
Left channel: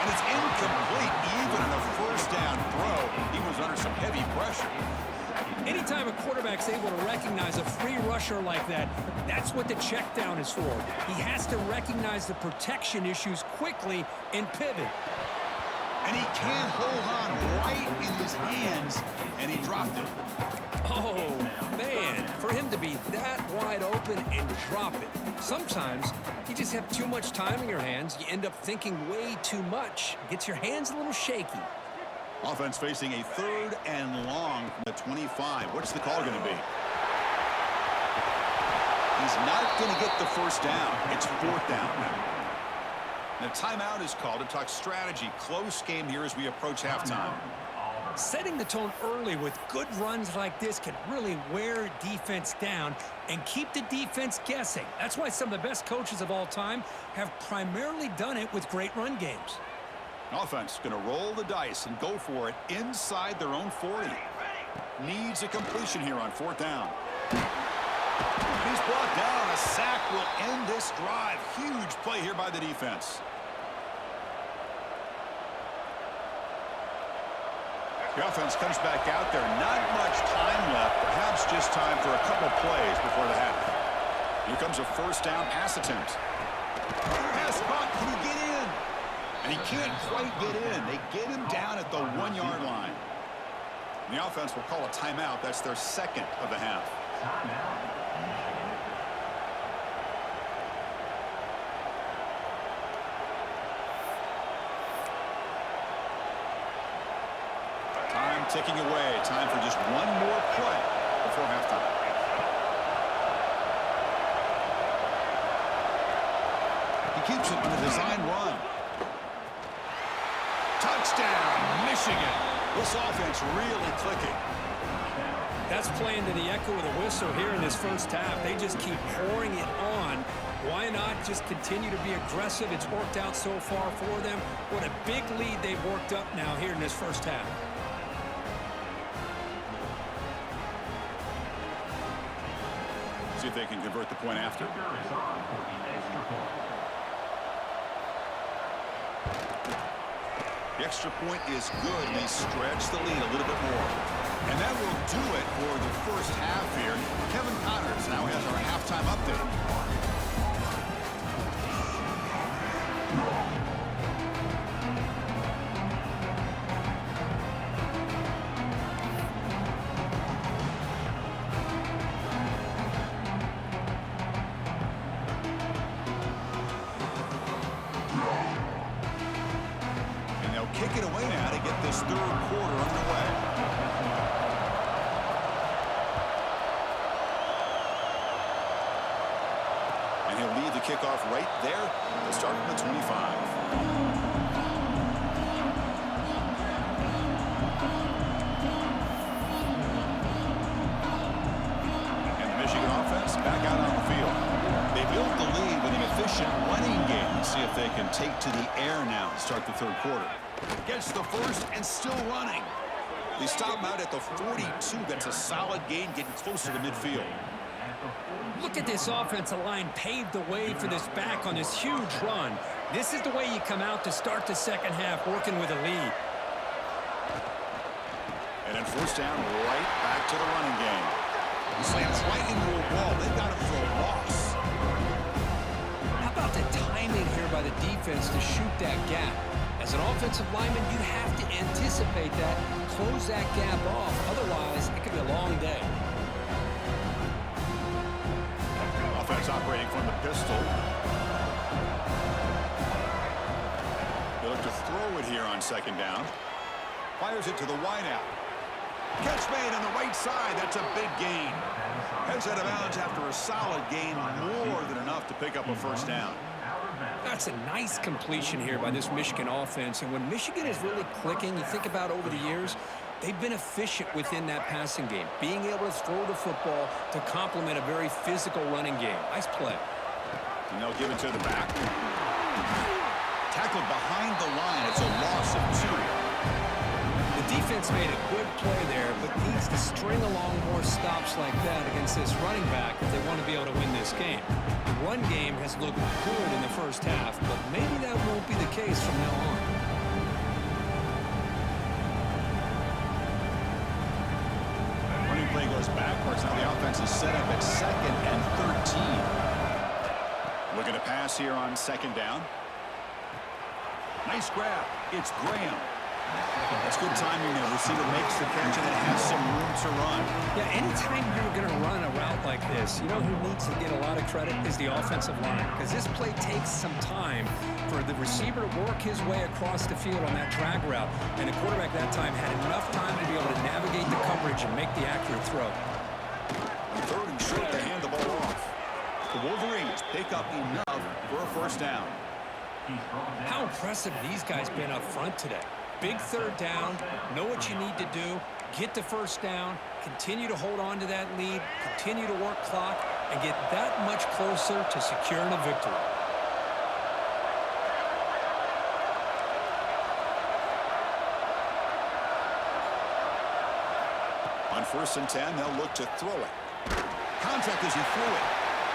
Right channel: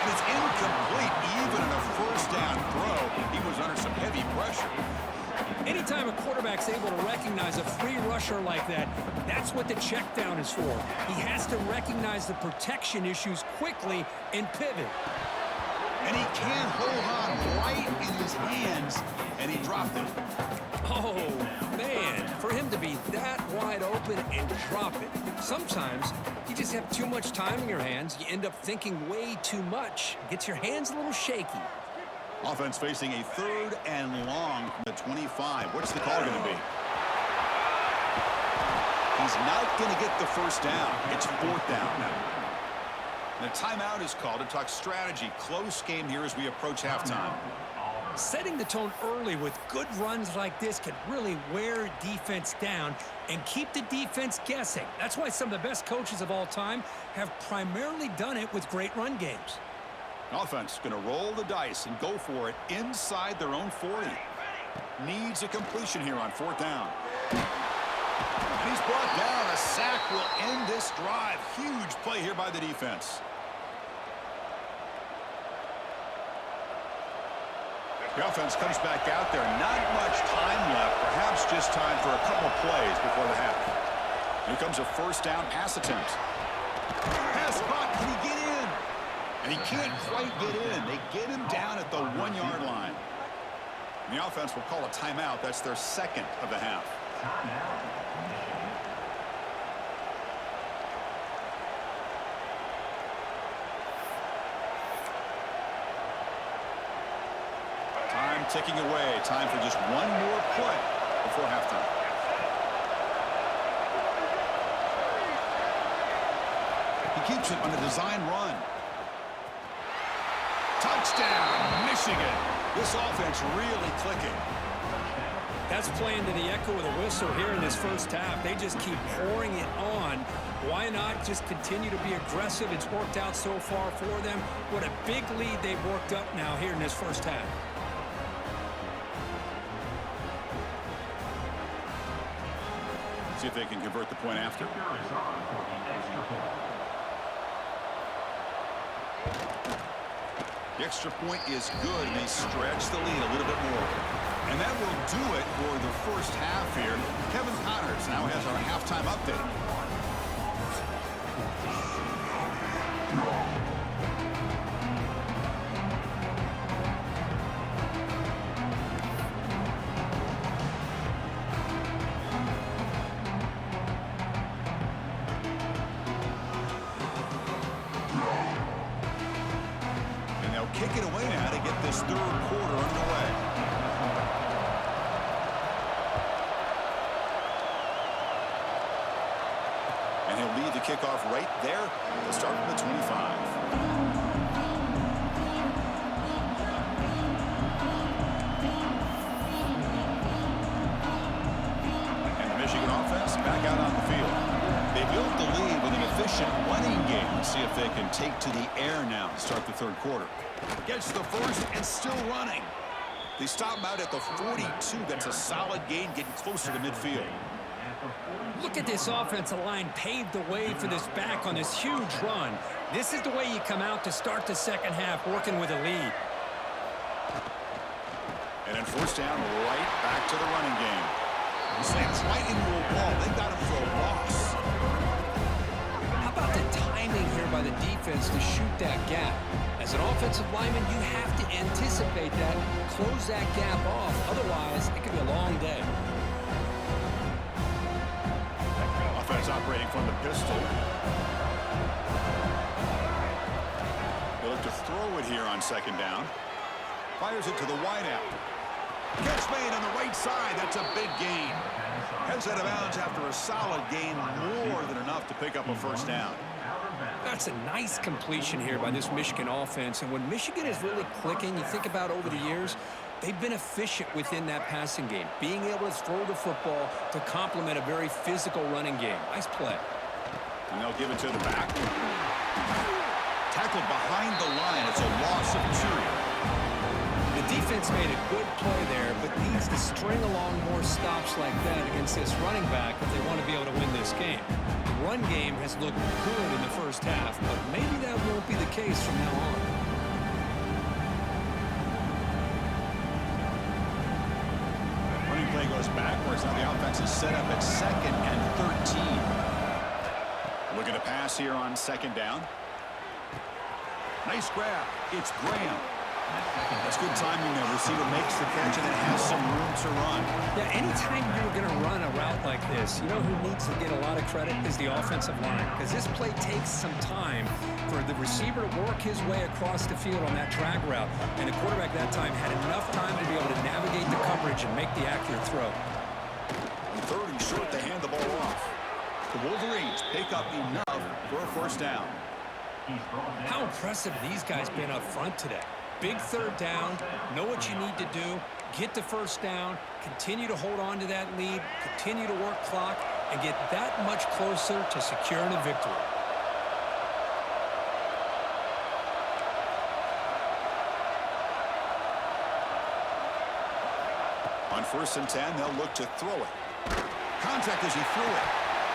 And it's incomplete. Even in a first down throw, he was under some heavy pressure. Anytime a quarterback's able to recognize a free rusher like that, that's what the check down is for. He has to recognize the protection issues quickly and pivot. And he can't hold on right in his hands, and he dropped it. Oh, man, for him to be that wide open and drop it. Sometimes you just have too much time in your hands. You end up thinking way too much. Gets your hands a little shaky. Offense facing a 3rd and long from the 25. What's the call going to be? He's not going to get the first down. It's 4th down now. And a timeout is called to talk strategy. Close game here as we approach halftime. Setting the tone early with good runs like this can really wear defense down and keep the defense guessing. That's why some of the best coaches of all time have primarily done it with great run games. Offense going to roll the dice and go for it inside their own 40. Needs a completion here on 4th down. And he's brought down. A sack will end this drive. Huge play here by the defense. The offense comes back out there. Not much time left. Perhaps just time for a couple plays before the half. Here comes a first down pass attempt. Pass caught. Can he get in? And he can't quite get in. They get him down at the 1-yard line. And the offense will call a timeout. That's their 2nd of the half. Time ticking away. Time for just one more play before halftime. He keeps it on a design run. Touchdown, Michigan. This offense really clicking. That's playing to the echo of the whistle here in this first half. They just keep pouring it on. Why not just continue to be aggressive? It's worked out so far for them. What a big lead they've worked up now here in this first half. See if they can convert the point after. The extra point is good, and they stretch the lead a little bit more. And that will do it for the first half here. Kevin Connors now has our halftime update. Kick it away now to get this 3rd quarter underway. And he'll lead the kickoff right there. They'll start from the 25. And the Michigan offense back out on the field. They built the lead with an efficient running game. Let's see if they can take to the air now to start the 3rd quarter. Gets the first and still running. They stop him out at the 42. That's a solid gain, getting closer to midfield. Look at this offensive line paved the way for this back on this huge run. This is the way you come out to start the second half, working with a lead. And then first down, right back to the running game. He slams right into a wall. They've got him for a loss. How about the timing here by the defense to shoot that gap? As an offensive lineman, you have to anticipate that, close that gap off. Otherwise, it could be a long day. Offense operating from the pistol. They look to throw it here on 2nd down. Fires it to the wideout. Catch made on the right side. That's a big gain. Heads out of bounds after a solid gain, more than enough to pick up a first down. That's a nice completion here by this Michigan offense. And when Michigan is really clicking, you think about over the years, they've been efficient within that passing game, being able to throw the football to complement a very physical running game. Nice play. And they'll give it to the back. Tackled behind the line. It's a loss of 2. The defense made a good play there, but needs to string along more stops like that against this running back if they want to be able to win this game. The run game has looked good in the first half, but maybe that won't be the case from now on. Running play goes backwards. Now the offense is set up at 2nd and 13. Looking to pass here on 2nd down. Nice grab. It's Graham. That's good timing there. Receiver makes the catch and it has some room to run. Yeah, anytime you're going to run a route like this, you know who needs to get a lot of credit is the offensive line, because this play takes some time for the receiver to work his way across the field on that drag route, and the quarterback that time had enough time to be able to navigate the coverage and make the accurate throw. On 3rd and short, they hand the ball off. The Wolverines pick up enough for a 1st down. How impressive these guys been up front today. Big 3rd down, know what you need to do, get the 1st down, continue to hold on to that lead, continue to work clock, and get that much closer to securing a victory. On 1st and 10, they'll look to throw it. Contact as he threw it.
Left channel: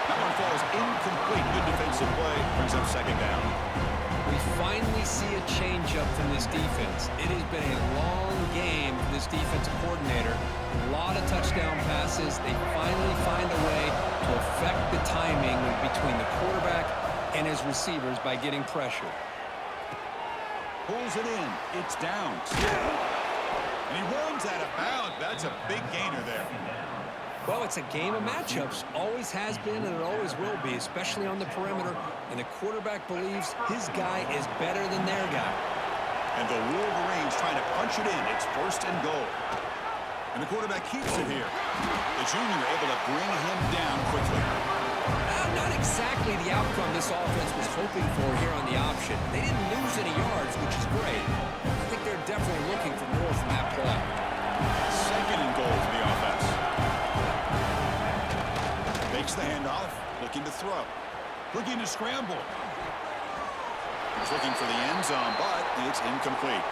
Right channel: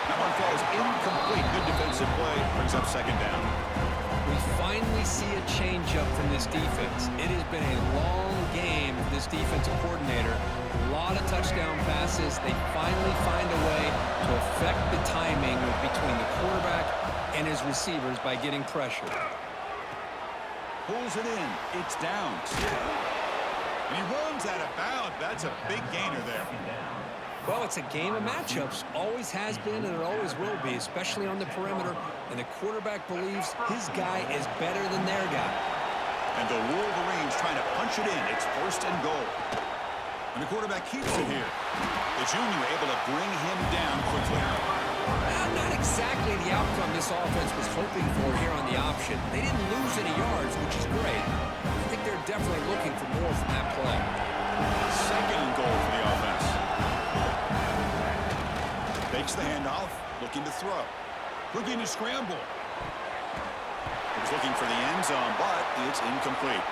That one falls incomplete. Good defensive play. Brings up 2nd down. We finally see a change-up from this defense. It has been a long game for this defensive coordinator. A lot of touchdown passes. They finally find a way to affect the timing between the quarterback and his receivers by getting pressure. Pulls it in. It's down. And he runs out of bounds. That's a big gainer there. Well, it's a game of matchups. Always has been and it always will be, especially on the perimeter. And the quarterback believes his guy is better than their guy. And the Wolverines trying to punch it in. It's 1st and goal. And the quarterback keeps it here. The junior able to bring him down quickly. Not exactly the outcome this offense was hoping for here on the option. They didn't lose any yards, which is great. I think they're definitely looking for more from that play. 2nd and goal for the offense. Fakes the handoff, looking to throw. Looking to scramble. He was looking for the end zone, but it's incomplete.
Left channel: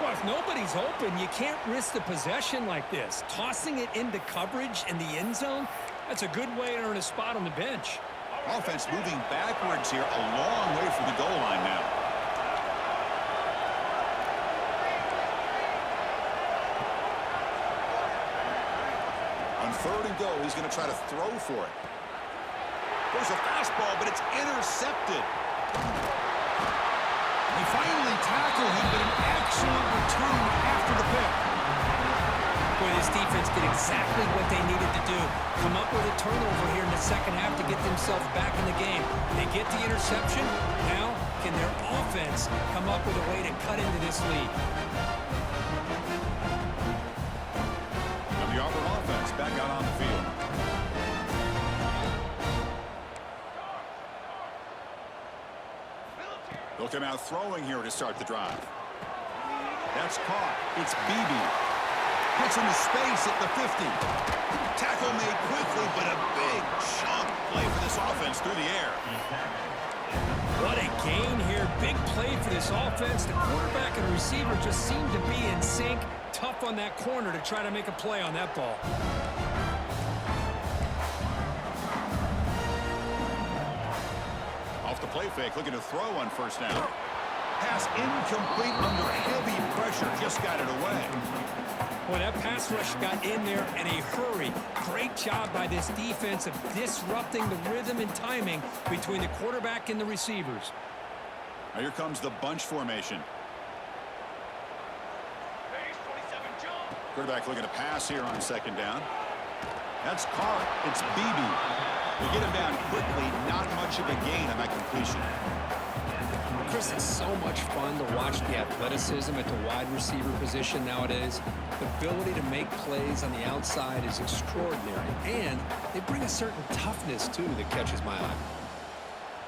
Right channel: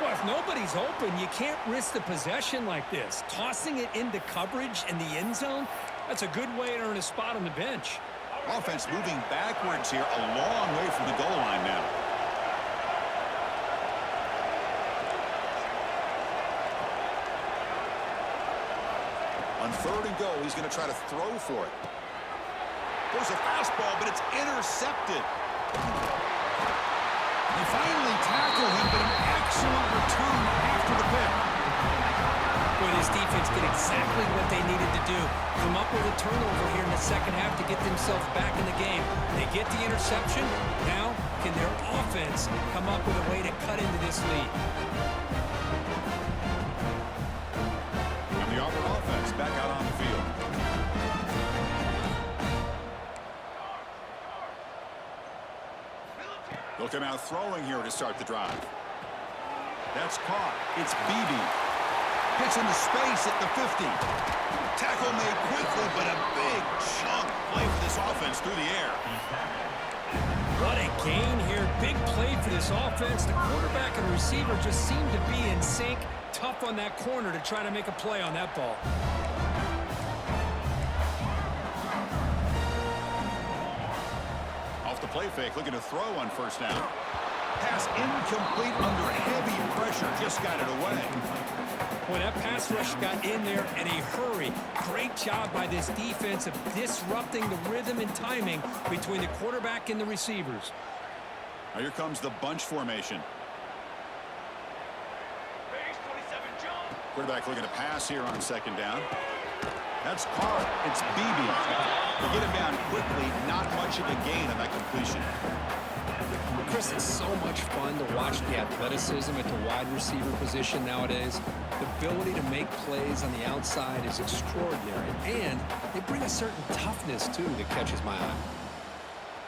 Well, if nobody's open, you can't risk the possession like this. Tossing it into coverage in the end zone, that's a good way to earn a spot on the bench. Offense moving backwards here, a long way from the goal line now. On 3rd and goal, he's going to try to throw for it. There's a fastball, but it's intercepted. They finally tackle him, but an excellent return after the pick. Boy, this defense did exactly what they needed to do. Come up with a turnover here in the 2nd half to get themselves back in the game. They get the interception. Now, can their offense come up with a way to cut into this lead? And the Auburn offense back out on the field. They'll come out throwing here to start the drive. That's caught. It's Beebe. Gets into space at the 50. Tackle made quickly, but a big chunk play for this offense through the air. What a gain here. Big play for this offense. The quarterback and receiver just seem to be in sync. Tough on that corner to try to make a play on that ball. Off the play fake, looking to throw on 1st down. Pass incomplete under heavy pressure. Just got it away. Boy, that pass rush got in there in a hurry. Great job by this defense of disrupting the rhythm and timing between the quarterback and the receivers. Now here comes the bunch formation. Quarterback looking to pass here on 2nd down. That's caught. It's Beebe. They get him down quickly. Not much of a gain on that completion. Chris, it's so much fun to watch the athleticism at the wide receiver position nowadays. The ability to make plays on the outside is extraordinary, and they bring a certain toughness, too, that catches my eye.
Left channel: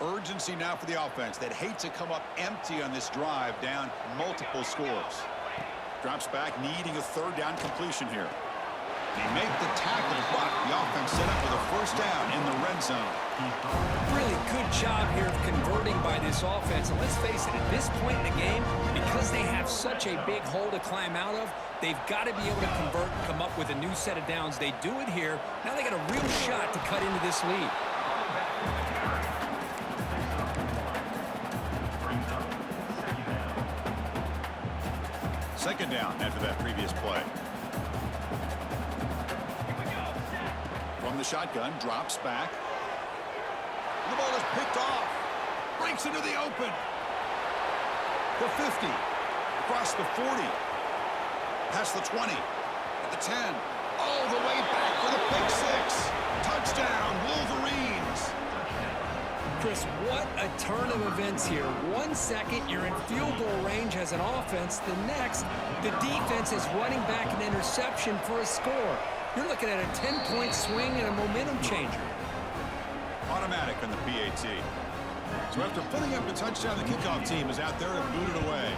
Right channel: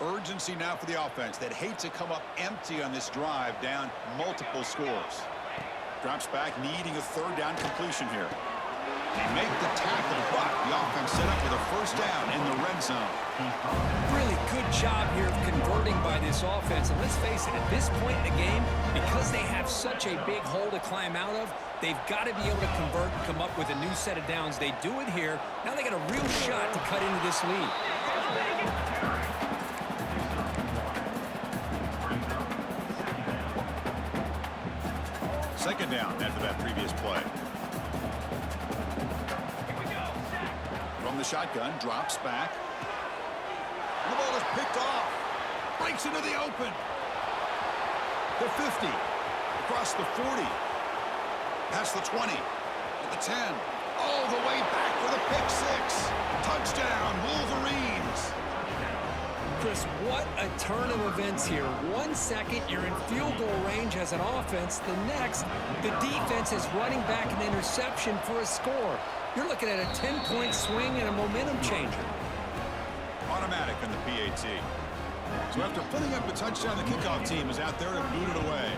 Urgency now for the offense that hate to come up empty on this drive, down multiple scores. drops back, needing a third down completion here. They make the tackle, but the offense set up with a first down in the red zone. Really good job here of converting by this offense. And let's face it, at this point in the game, because they have such a big hole to climb out of, they've got to be able to convert and come up with a new set of downs. They do it here. Now they got a real shot to cut into this lead. Second down after that previous play. From the shotgun, drops back. The ball is picked off. Breaks into the open. The 50. Across the 40. Past the 20. At the 10. All the way back for the pick six. Touchdown, Wolverines. Chris, what a turn of events here. 1 second, you're in field goal range as an offense. The next, the defense is running back an interception for a score. You're looking at a 10-point swing and a momentum changer. Automatic on the PAT. So after putting up a touchdown, the kickoff team is out there to boot it away.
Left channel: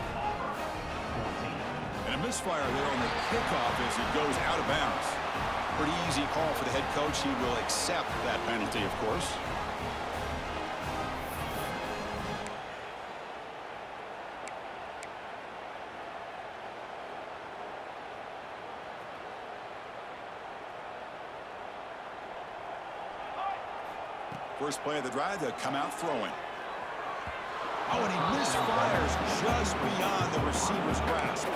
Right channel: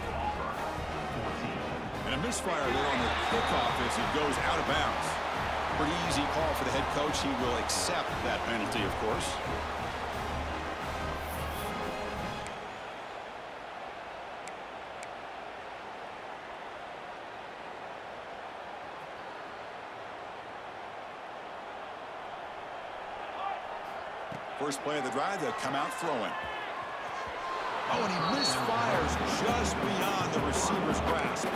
And a misfire there on the kickoff as it goes out of bounds. Pretty easy call for the head coach. He will accept that penalty, of course. First play of the drive, they'll come out throwing. Oh, and he misfires just beyond the receiver's grasp.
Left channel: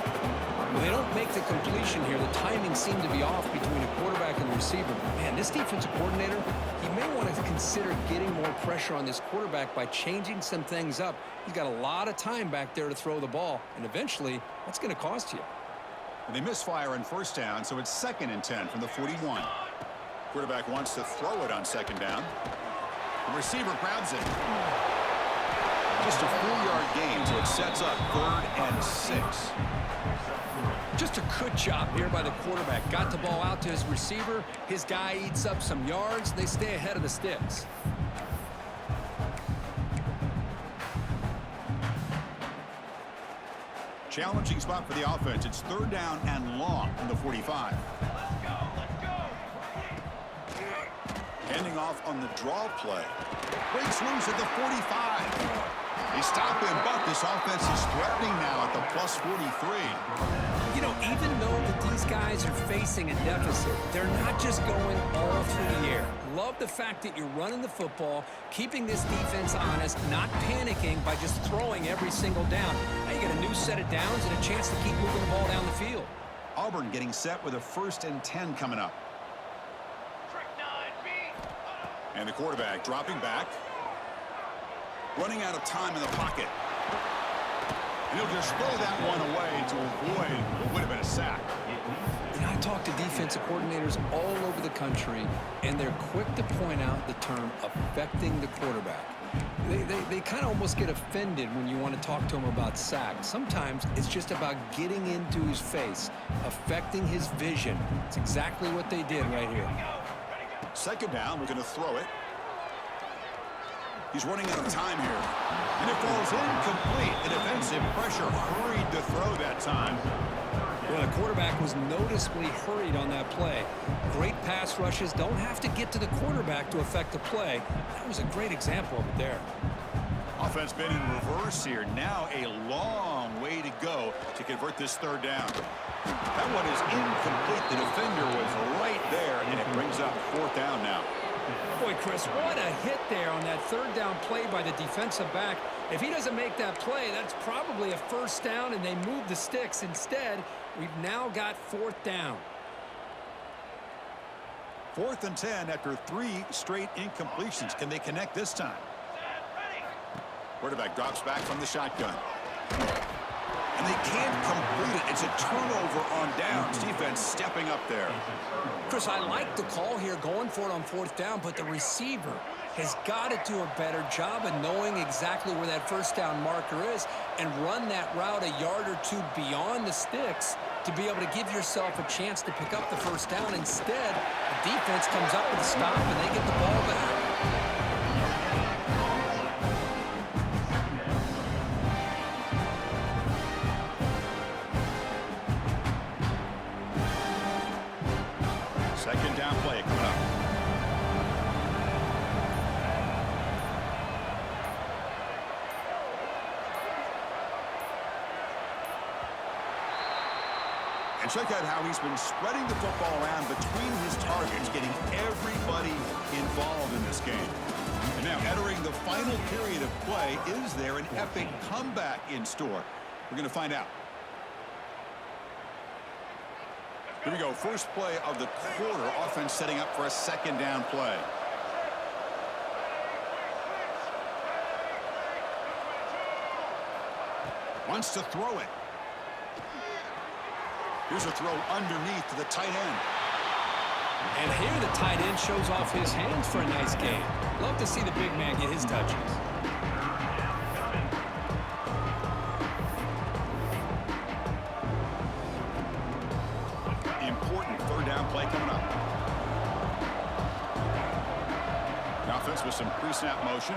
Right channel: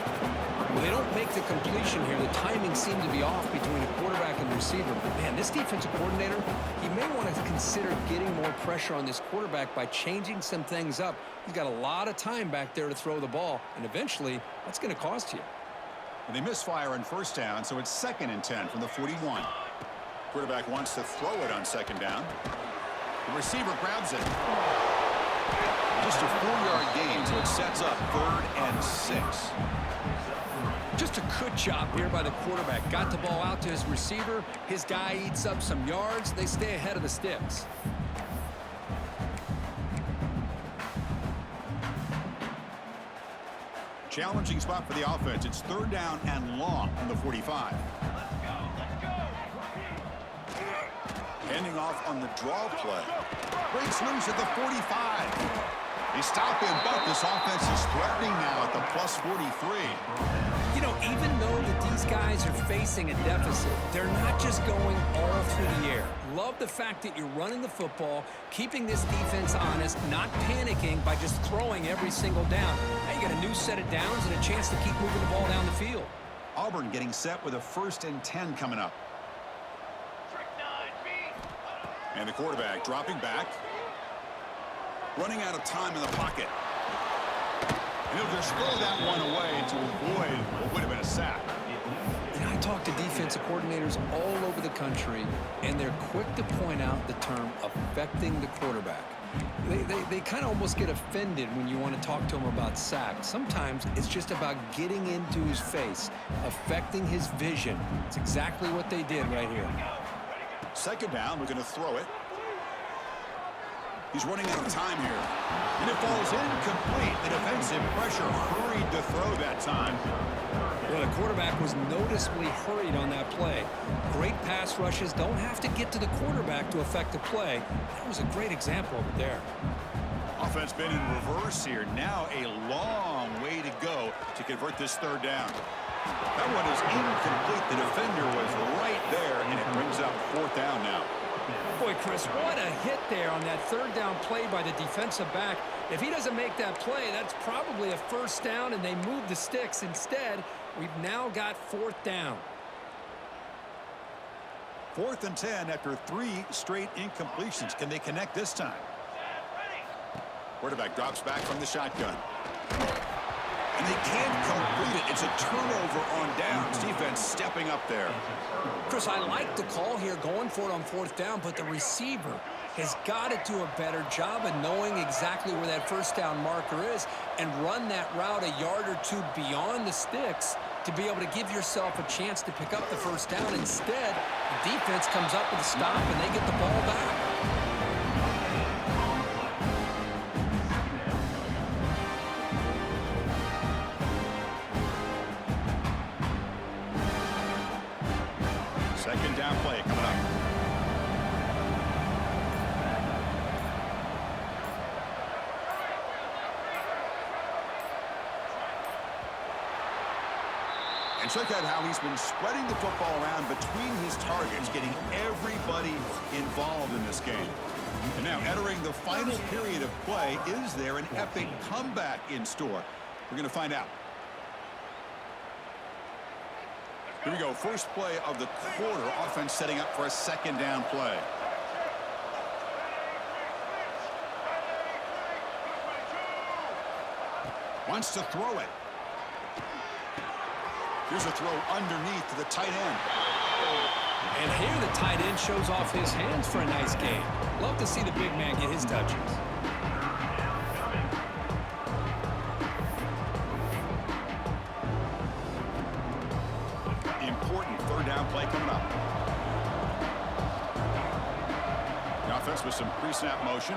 Well, they don't make the completion here. The timing seemed to be off between a quarterback and the receiver. But man, this defensive coordinator, he may want to consider getting more pressure on this quarterback by changing some things up. He's got a lot of time back there to throw the ball, and eventually that's going to cost you. And they misfire on first down, so it's 2nd and 10 from the 41. Quarterback wants to throw it on second down. The receiver grabs it. Just a 4-yard gain, so it sets up 3rd and 6. Just a good job here by the quarterback. Got the ball out to his receiver. His guy eats up some yards. They stay ahead of the sticks. Challenging spot for the offense. It's 3rd down and long from the 45. Handing off on the draw play. Breaks loose at the 45. They stop him, but this offense is threatening now at the plus 43. You know, even though that these guys are facing a deficit, they're not just going all through the air. Love the fact that you're running the football, keeping this defense honest, not panicking by just throwing every single down. Now you got a new set of downs and a chance to keep moving the ball down the field. Auburn getting set with a 1st and 10 coming up. And the quarterback dropping back. Running out of time in the pocket. And he'll just throw that one away to avoid what would have been a sack. And I talk to defensive coordinators all over the country, and they're quick to point out the term affecting the quarterback. They kind of almost get offended when you want to talk to them about sacks. Sometimes it's just about getting into his face, affecting his vision. It's exactly what they did right here. 2nd down, we're going to throw it. He's running out of time here. And it falls incomplete. The defensive pressure hurried to throw that time. Well, the quarterback was noticeably hurried on that play. Great pass rushes don't have to get to the quarterback to affect the play. That was a great example of it there. Offense been in reverse here. Now a long way to go to convert this 3rd down. That one is incomplete. The defender was right there, and it brings up 4th down now. Boy, Chris, what a hit there on that 3rd down play by the defensive back. If he doesn't make that play, that's probably a 1st down, and they move the sticks. Instead, we've now got 4th down. 4th and 10 after 3 straight incompletions. Can they connect this time? Quarterback drops back from the shotgun. And they can't complete it. It's a turnover on downs. Defense stepping up there. Chris, I like the call here, going for it on 4th down, but the receiver has got to do a better job of knowing exactly where that 1st down marker is and run that route a yard or two beyond the sticks to be able to give yourself a chance to pick up the 1st down. Instead, the defense comes up with a stop, and they get the ball back. Second down play coming up. And check out how he's been spreading the football around between his targets, getting everybody involved in this game. And now entering the final period of play, is there an epic comeback in store? We're going to find out. Here we go. First play of the quarter. Offense setting up for a second down play. Wants to throw it. Here's a throw underneath to the tight end. And here the tight end shows off his hands for a nice game. Love to see the big man get his touches. Important third down play coming up. The offense with some pre-snap motion.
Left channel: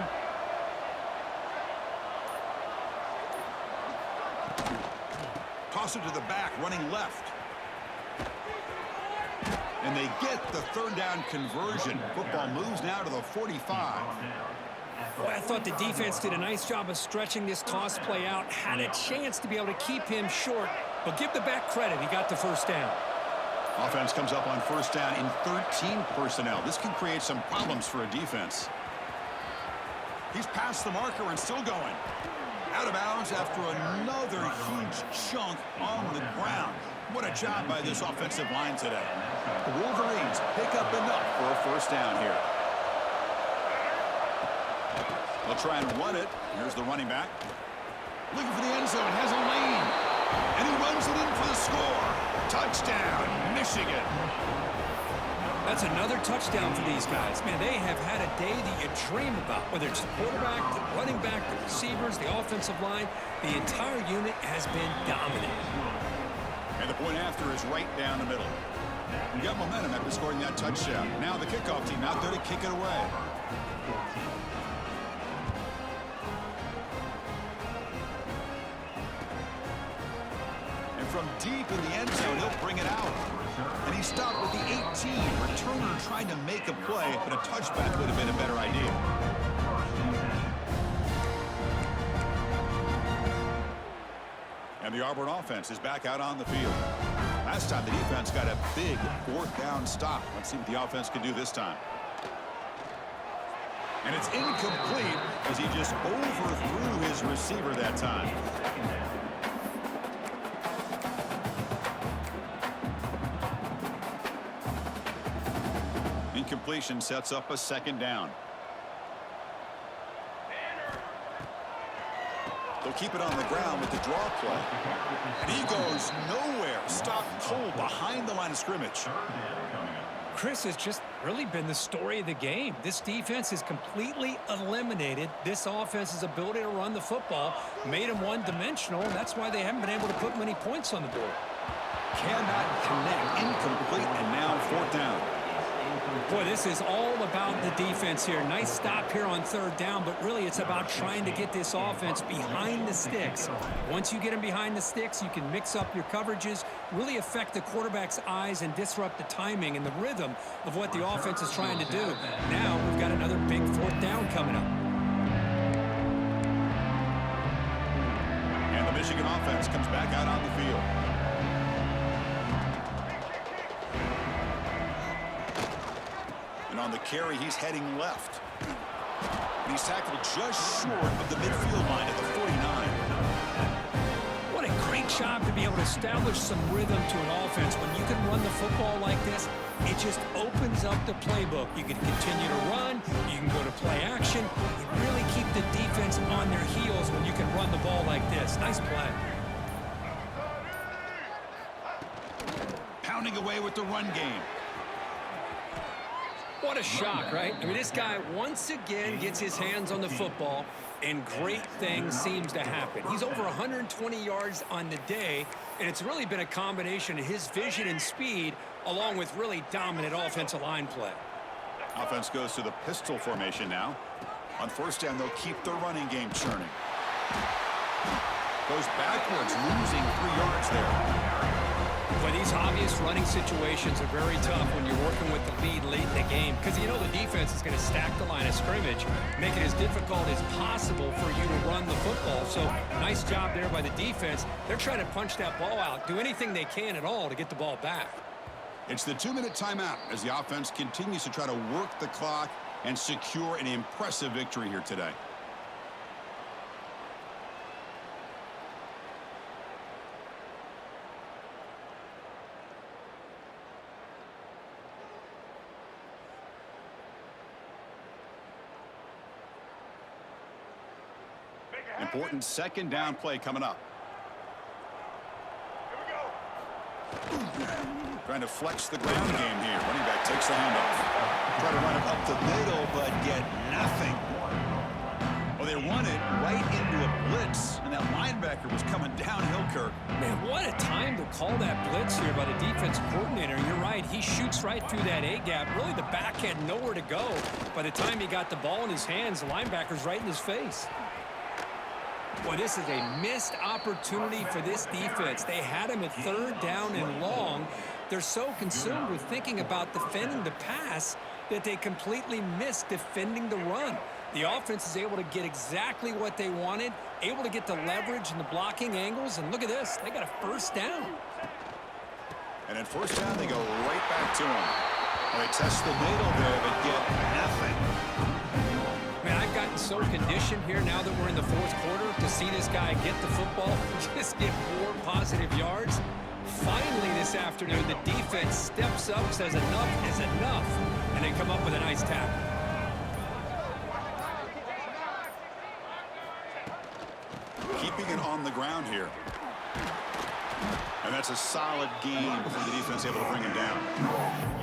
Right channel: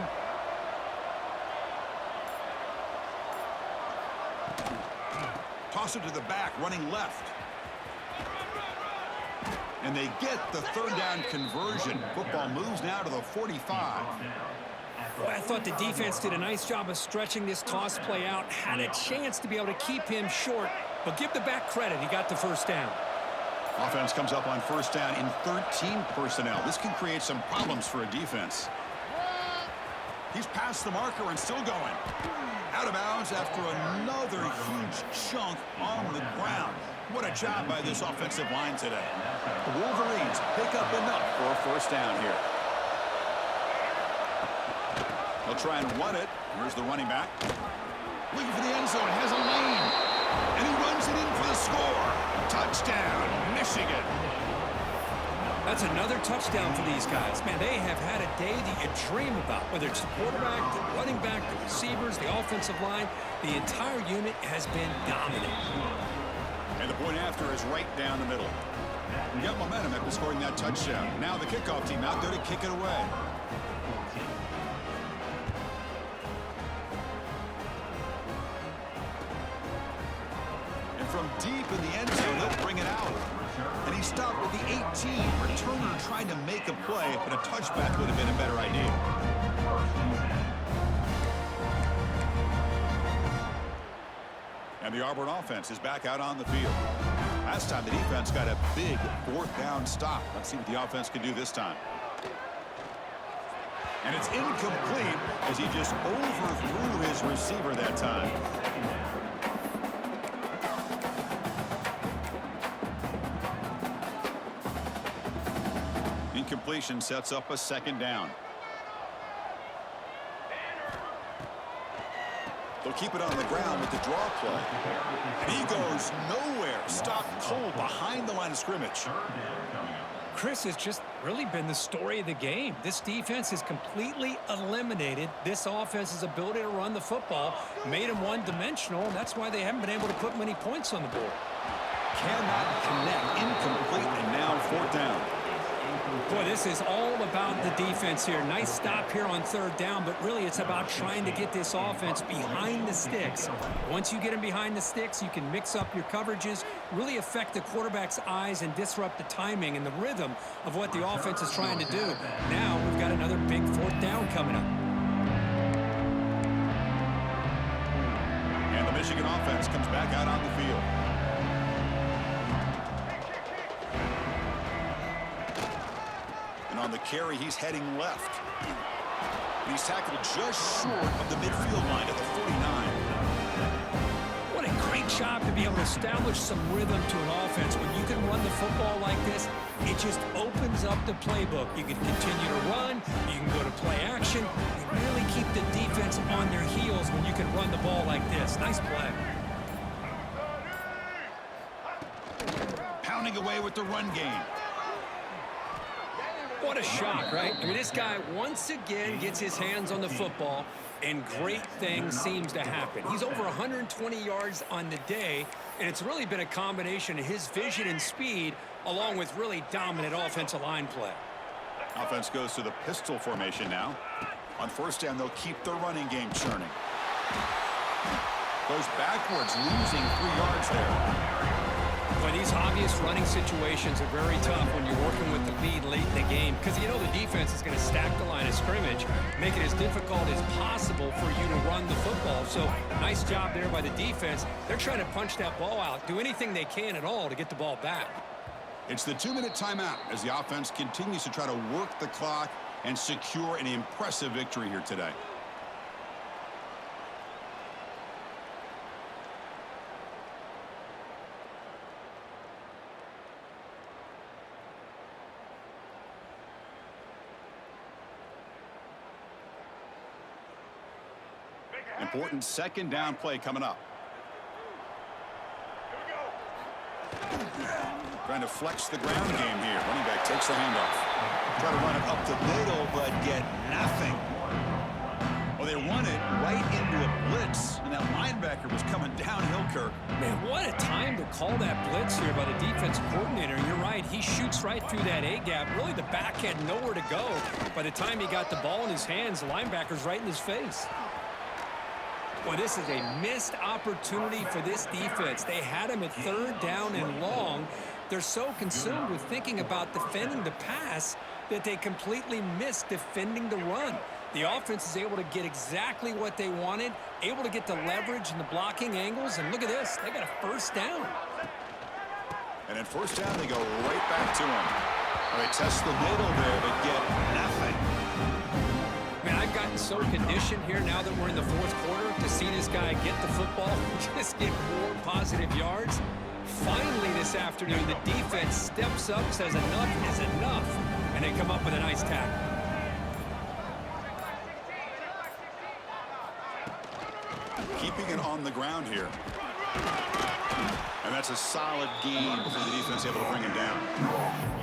Toss it to the back, running left. And they get the third down conversion. Football moves now to the 45. Boy, I thought the defense did a nice job of stretching this toss play out. Had a chance to be able to keep him short, but give the back credit. He got the first down. Offense comes up on first down in 13 personnel. This can create some problems for a defense. He's past the marker and still going. Out of bounds after another huge chunk on the ground. What a job by this offensive line today. The Wolverines pick up enough for a first down here. They'll try and run it. Here's the running back. Looking for the end zone. Has a lane. And he runs it in for the score. Touchdown, Michigan. That's another touchdown for these guys. Man, they have had a day that you dream about. Whether it's the quarterback, the running back, the receivers, the offensive line, the entire unit has been dominant. And the point after is right down the middle. We got momentum after scoring that touchdown. Now the kickoff team out there to kick it away. And from deep in the end zone, he'll bring it out. And he stopped with the 18. Returner trying to make a play, but a touchback would have been a better idea. And the Auburn offense is back out on the field. Last time the defense got a big fourth down stop. Let's see what the offense can do this time. And it's incomplete as he just overthrew his receiver that time. Incompletion sets up a second down. They'll keep it on the ground with the draw play. And he goes nowhere. Stopped cold behind the line of scrimmage. Chris has just really been the story of the game. This defense has completely eliminated this offense's ability to run the football, made them one-dimensional, and that's why they haven't been able to put many points on the board. Cannot connect. Incomplete, and now fourth down. Boy, this is all about the defense here. Nice stop here on third down, but really it's about trying to get this offense behind the sticks. Once you get them behind the sticks, you can mix up your coverages, really affect the quarterback's eyes and disrupt the timing and the rhythm of what the offense is trying to do. Now we've got another big fourth down coming up. And the Michigan offense comes back out on the field. And on the carry, he's heading left. And he's tackled just short of the midfield line at the 49. What a great job to be able to establish some rhythm to an offense. When you can run the football like this, it just opens up the playbook. You can continue to run. You can go to play action. You really keep the defense on their heels when you can run the ball like this. Nice play. Pounding away with the run game. What a shock, right? I mean, this guy once again gets his hands on the football, and great things seems to happen. He's over 120 yards on the day, and it's really been a combination of his vision and speed, along with really dominant offensive line play. Offense goes to the pistol formation now. On first down, they'll keep the running game churning. Goes backwards, losing 3 yards there. Well, these obvious running situations are very tough when you're working with the lead late in the game because you know the defense is going to stack the line of scrimmage, make it as difficult as possible for you to run the football. So nice job there by the defense. They're trying to punch that ball out, do anything they can at all to get the ball back. It's the 2-minute timeout as the offense continues to try to work the clock and secure an impressive victory here today. Important second down play coming up. Here we go. Trying to flex the ground game here. Running back takes the handoff. Try to run it up the middle, but get nothing. Well, they run it right into a blitz, and that linebacker was coming downhill, Kirk. Man, what a time to call that blitz here by the defense coordinator. You're right. He shoots right through that A-gap. Really, the back had nowhere to go. By the time he got the ball in his hands, the linebacker's right in his face. Boy, this is a missed opportunity for this defense. They had him at third down and long. They're so consumed with thinking about defending the pass that they completely missed defending the run. The offense is able to get exactly what they wanted, able to get the leverage and the blocking angles, and look at this. They got a first down. And at first down, they go right back to him. Well, they test the middle there, but get nothing. Man, I've gotten so conditioned here now that we're in the fourth quarter to see this guy get the football, just get more positive yards. Finally this afternoon, the defense steps up, says enough is enough, and they come up with a nice tackle. Keeping it on the ground here. And that's a solid gain for the defense able to bring him down.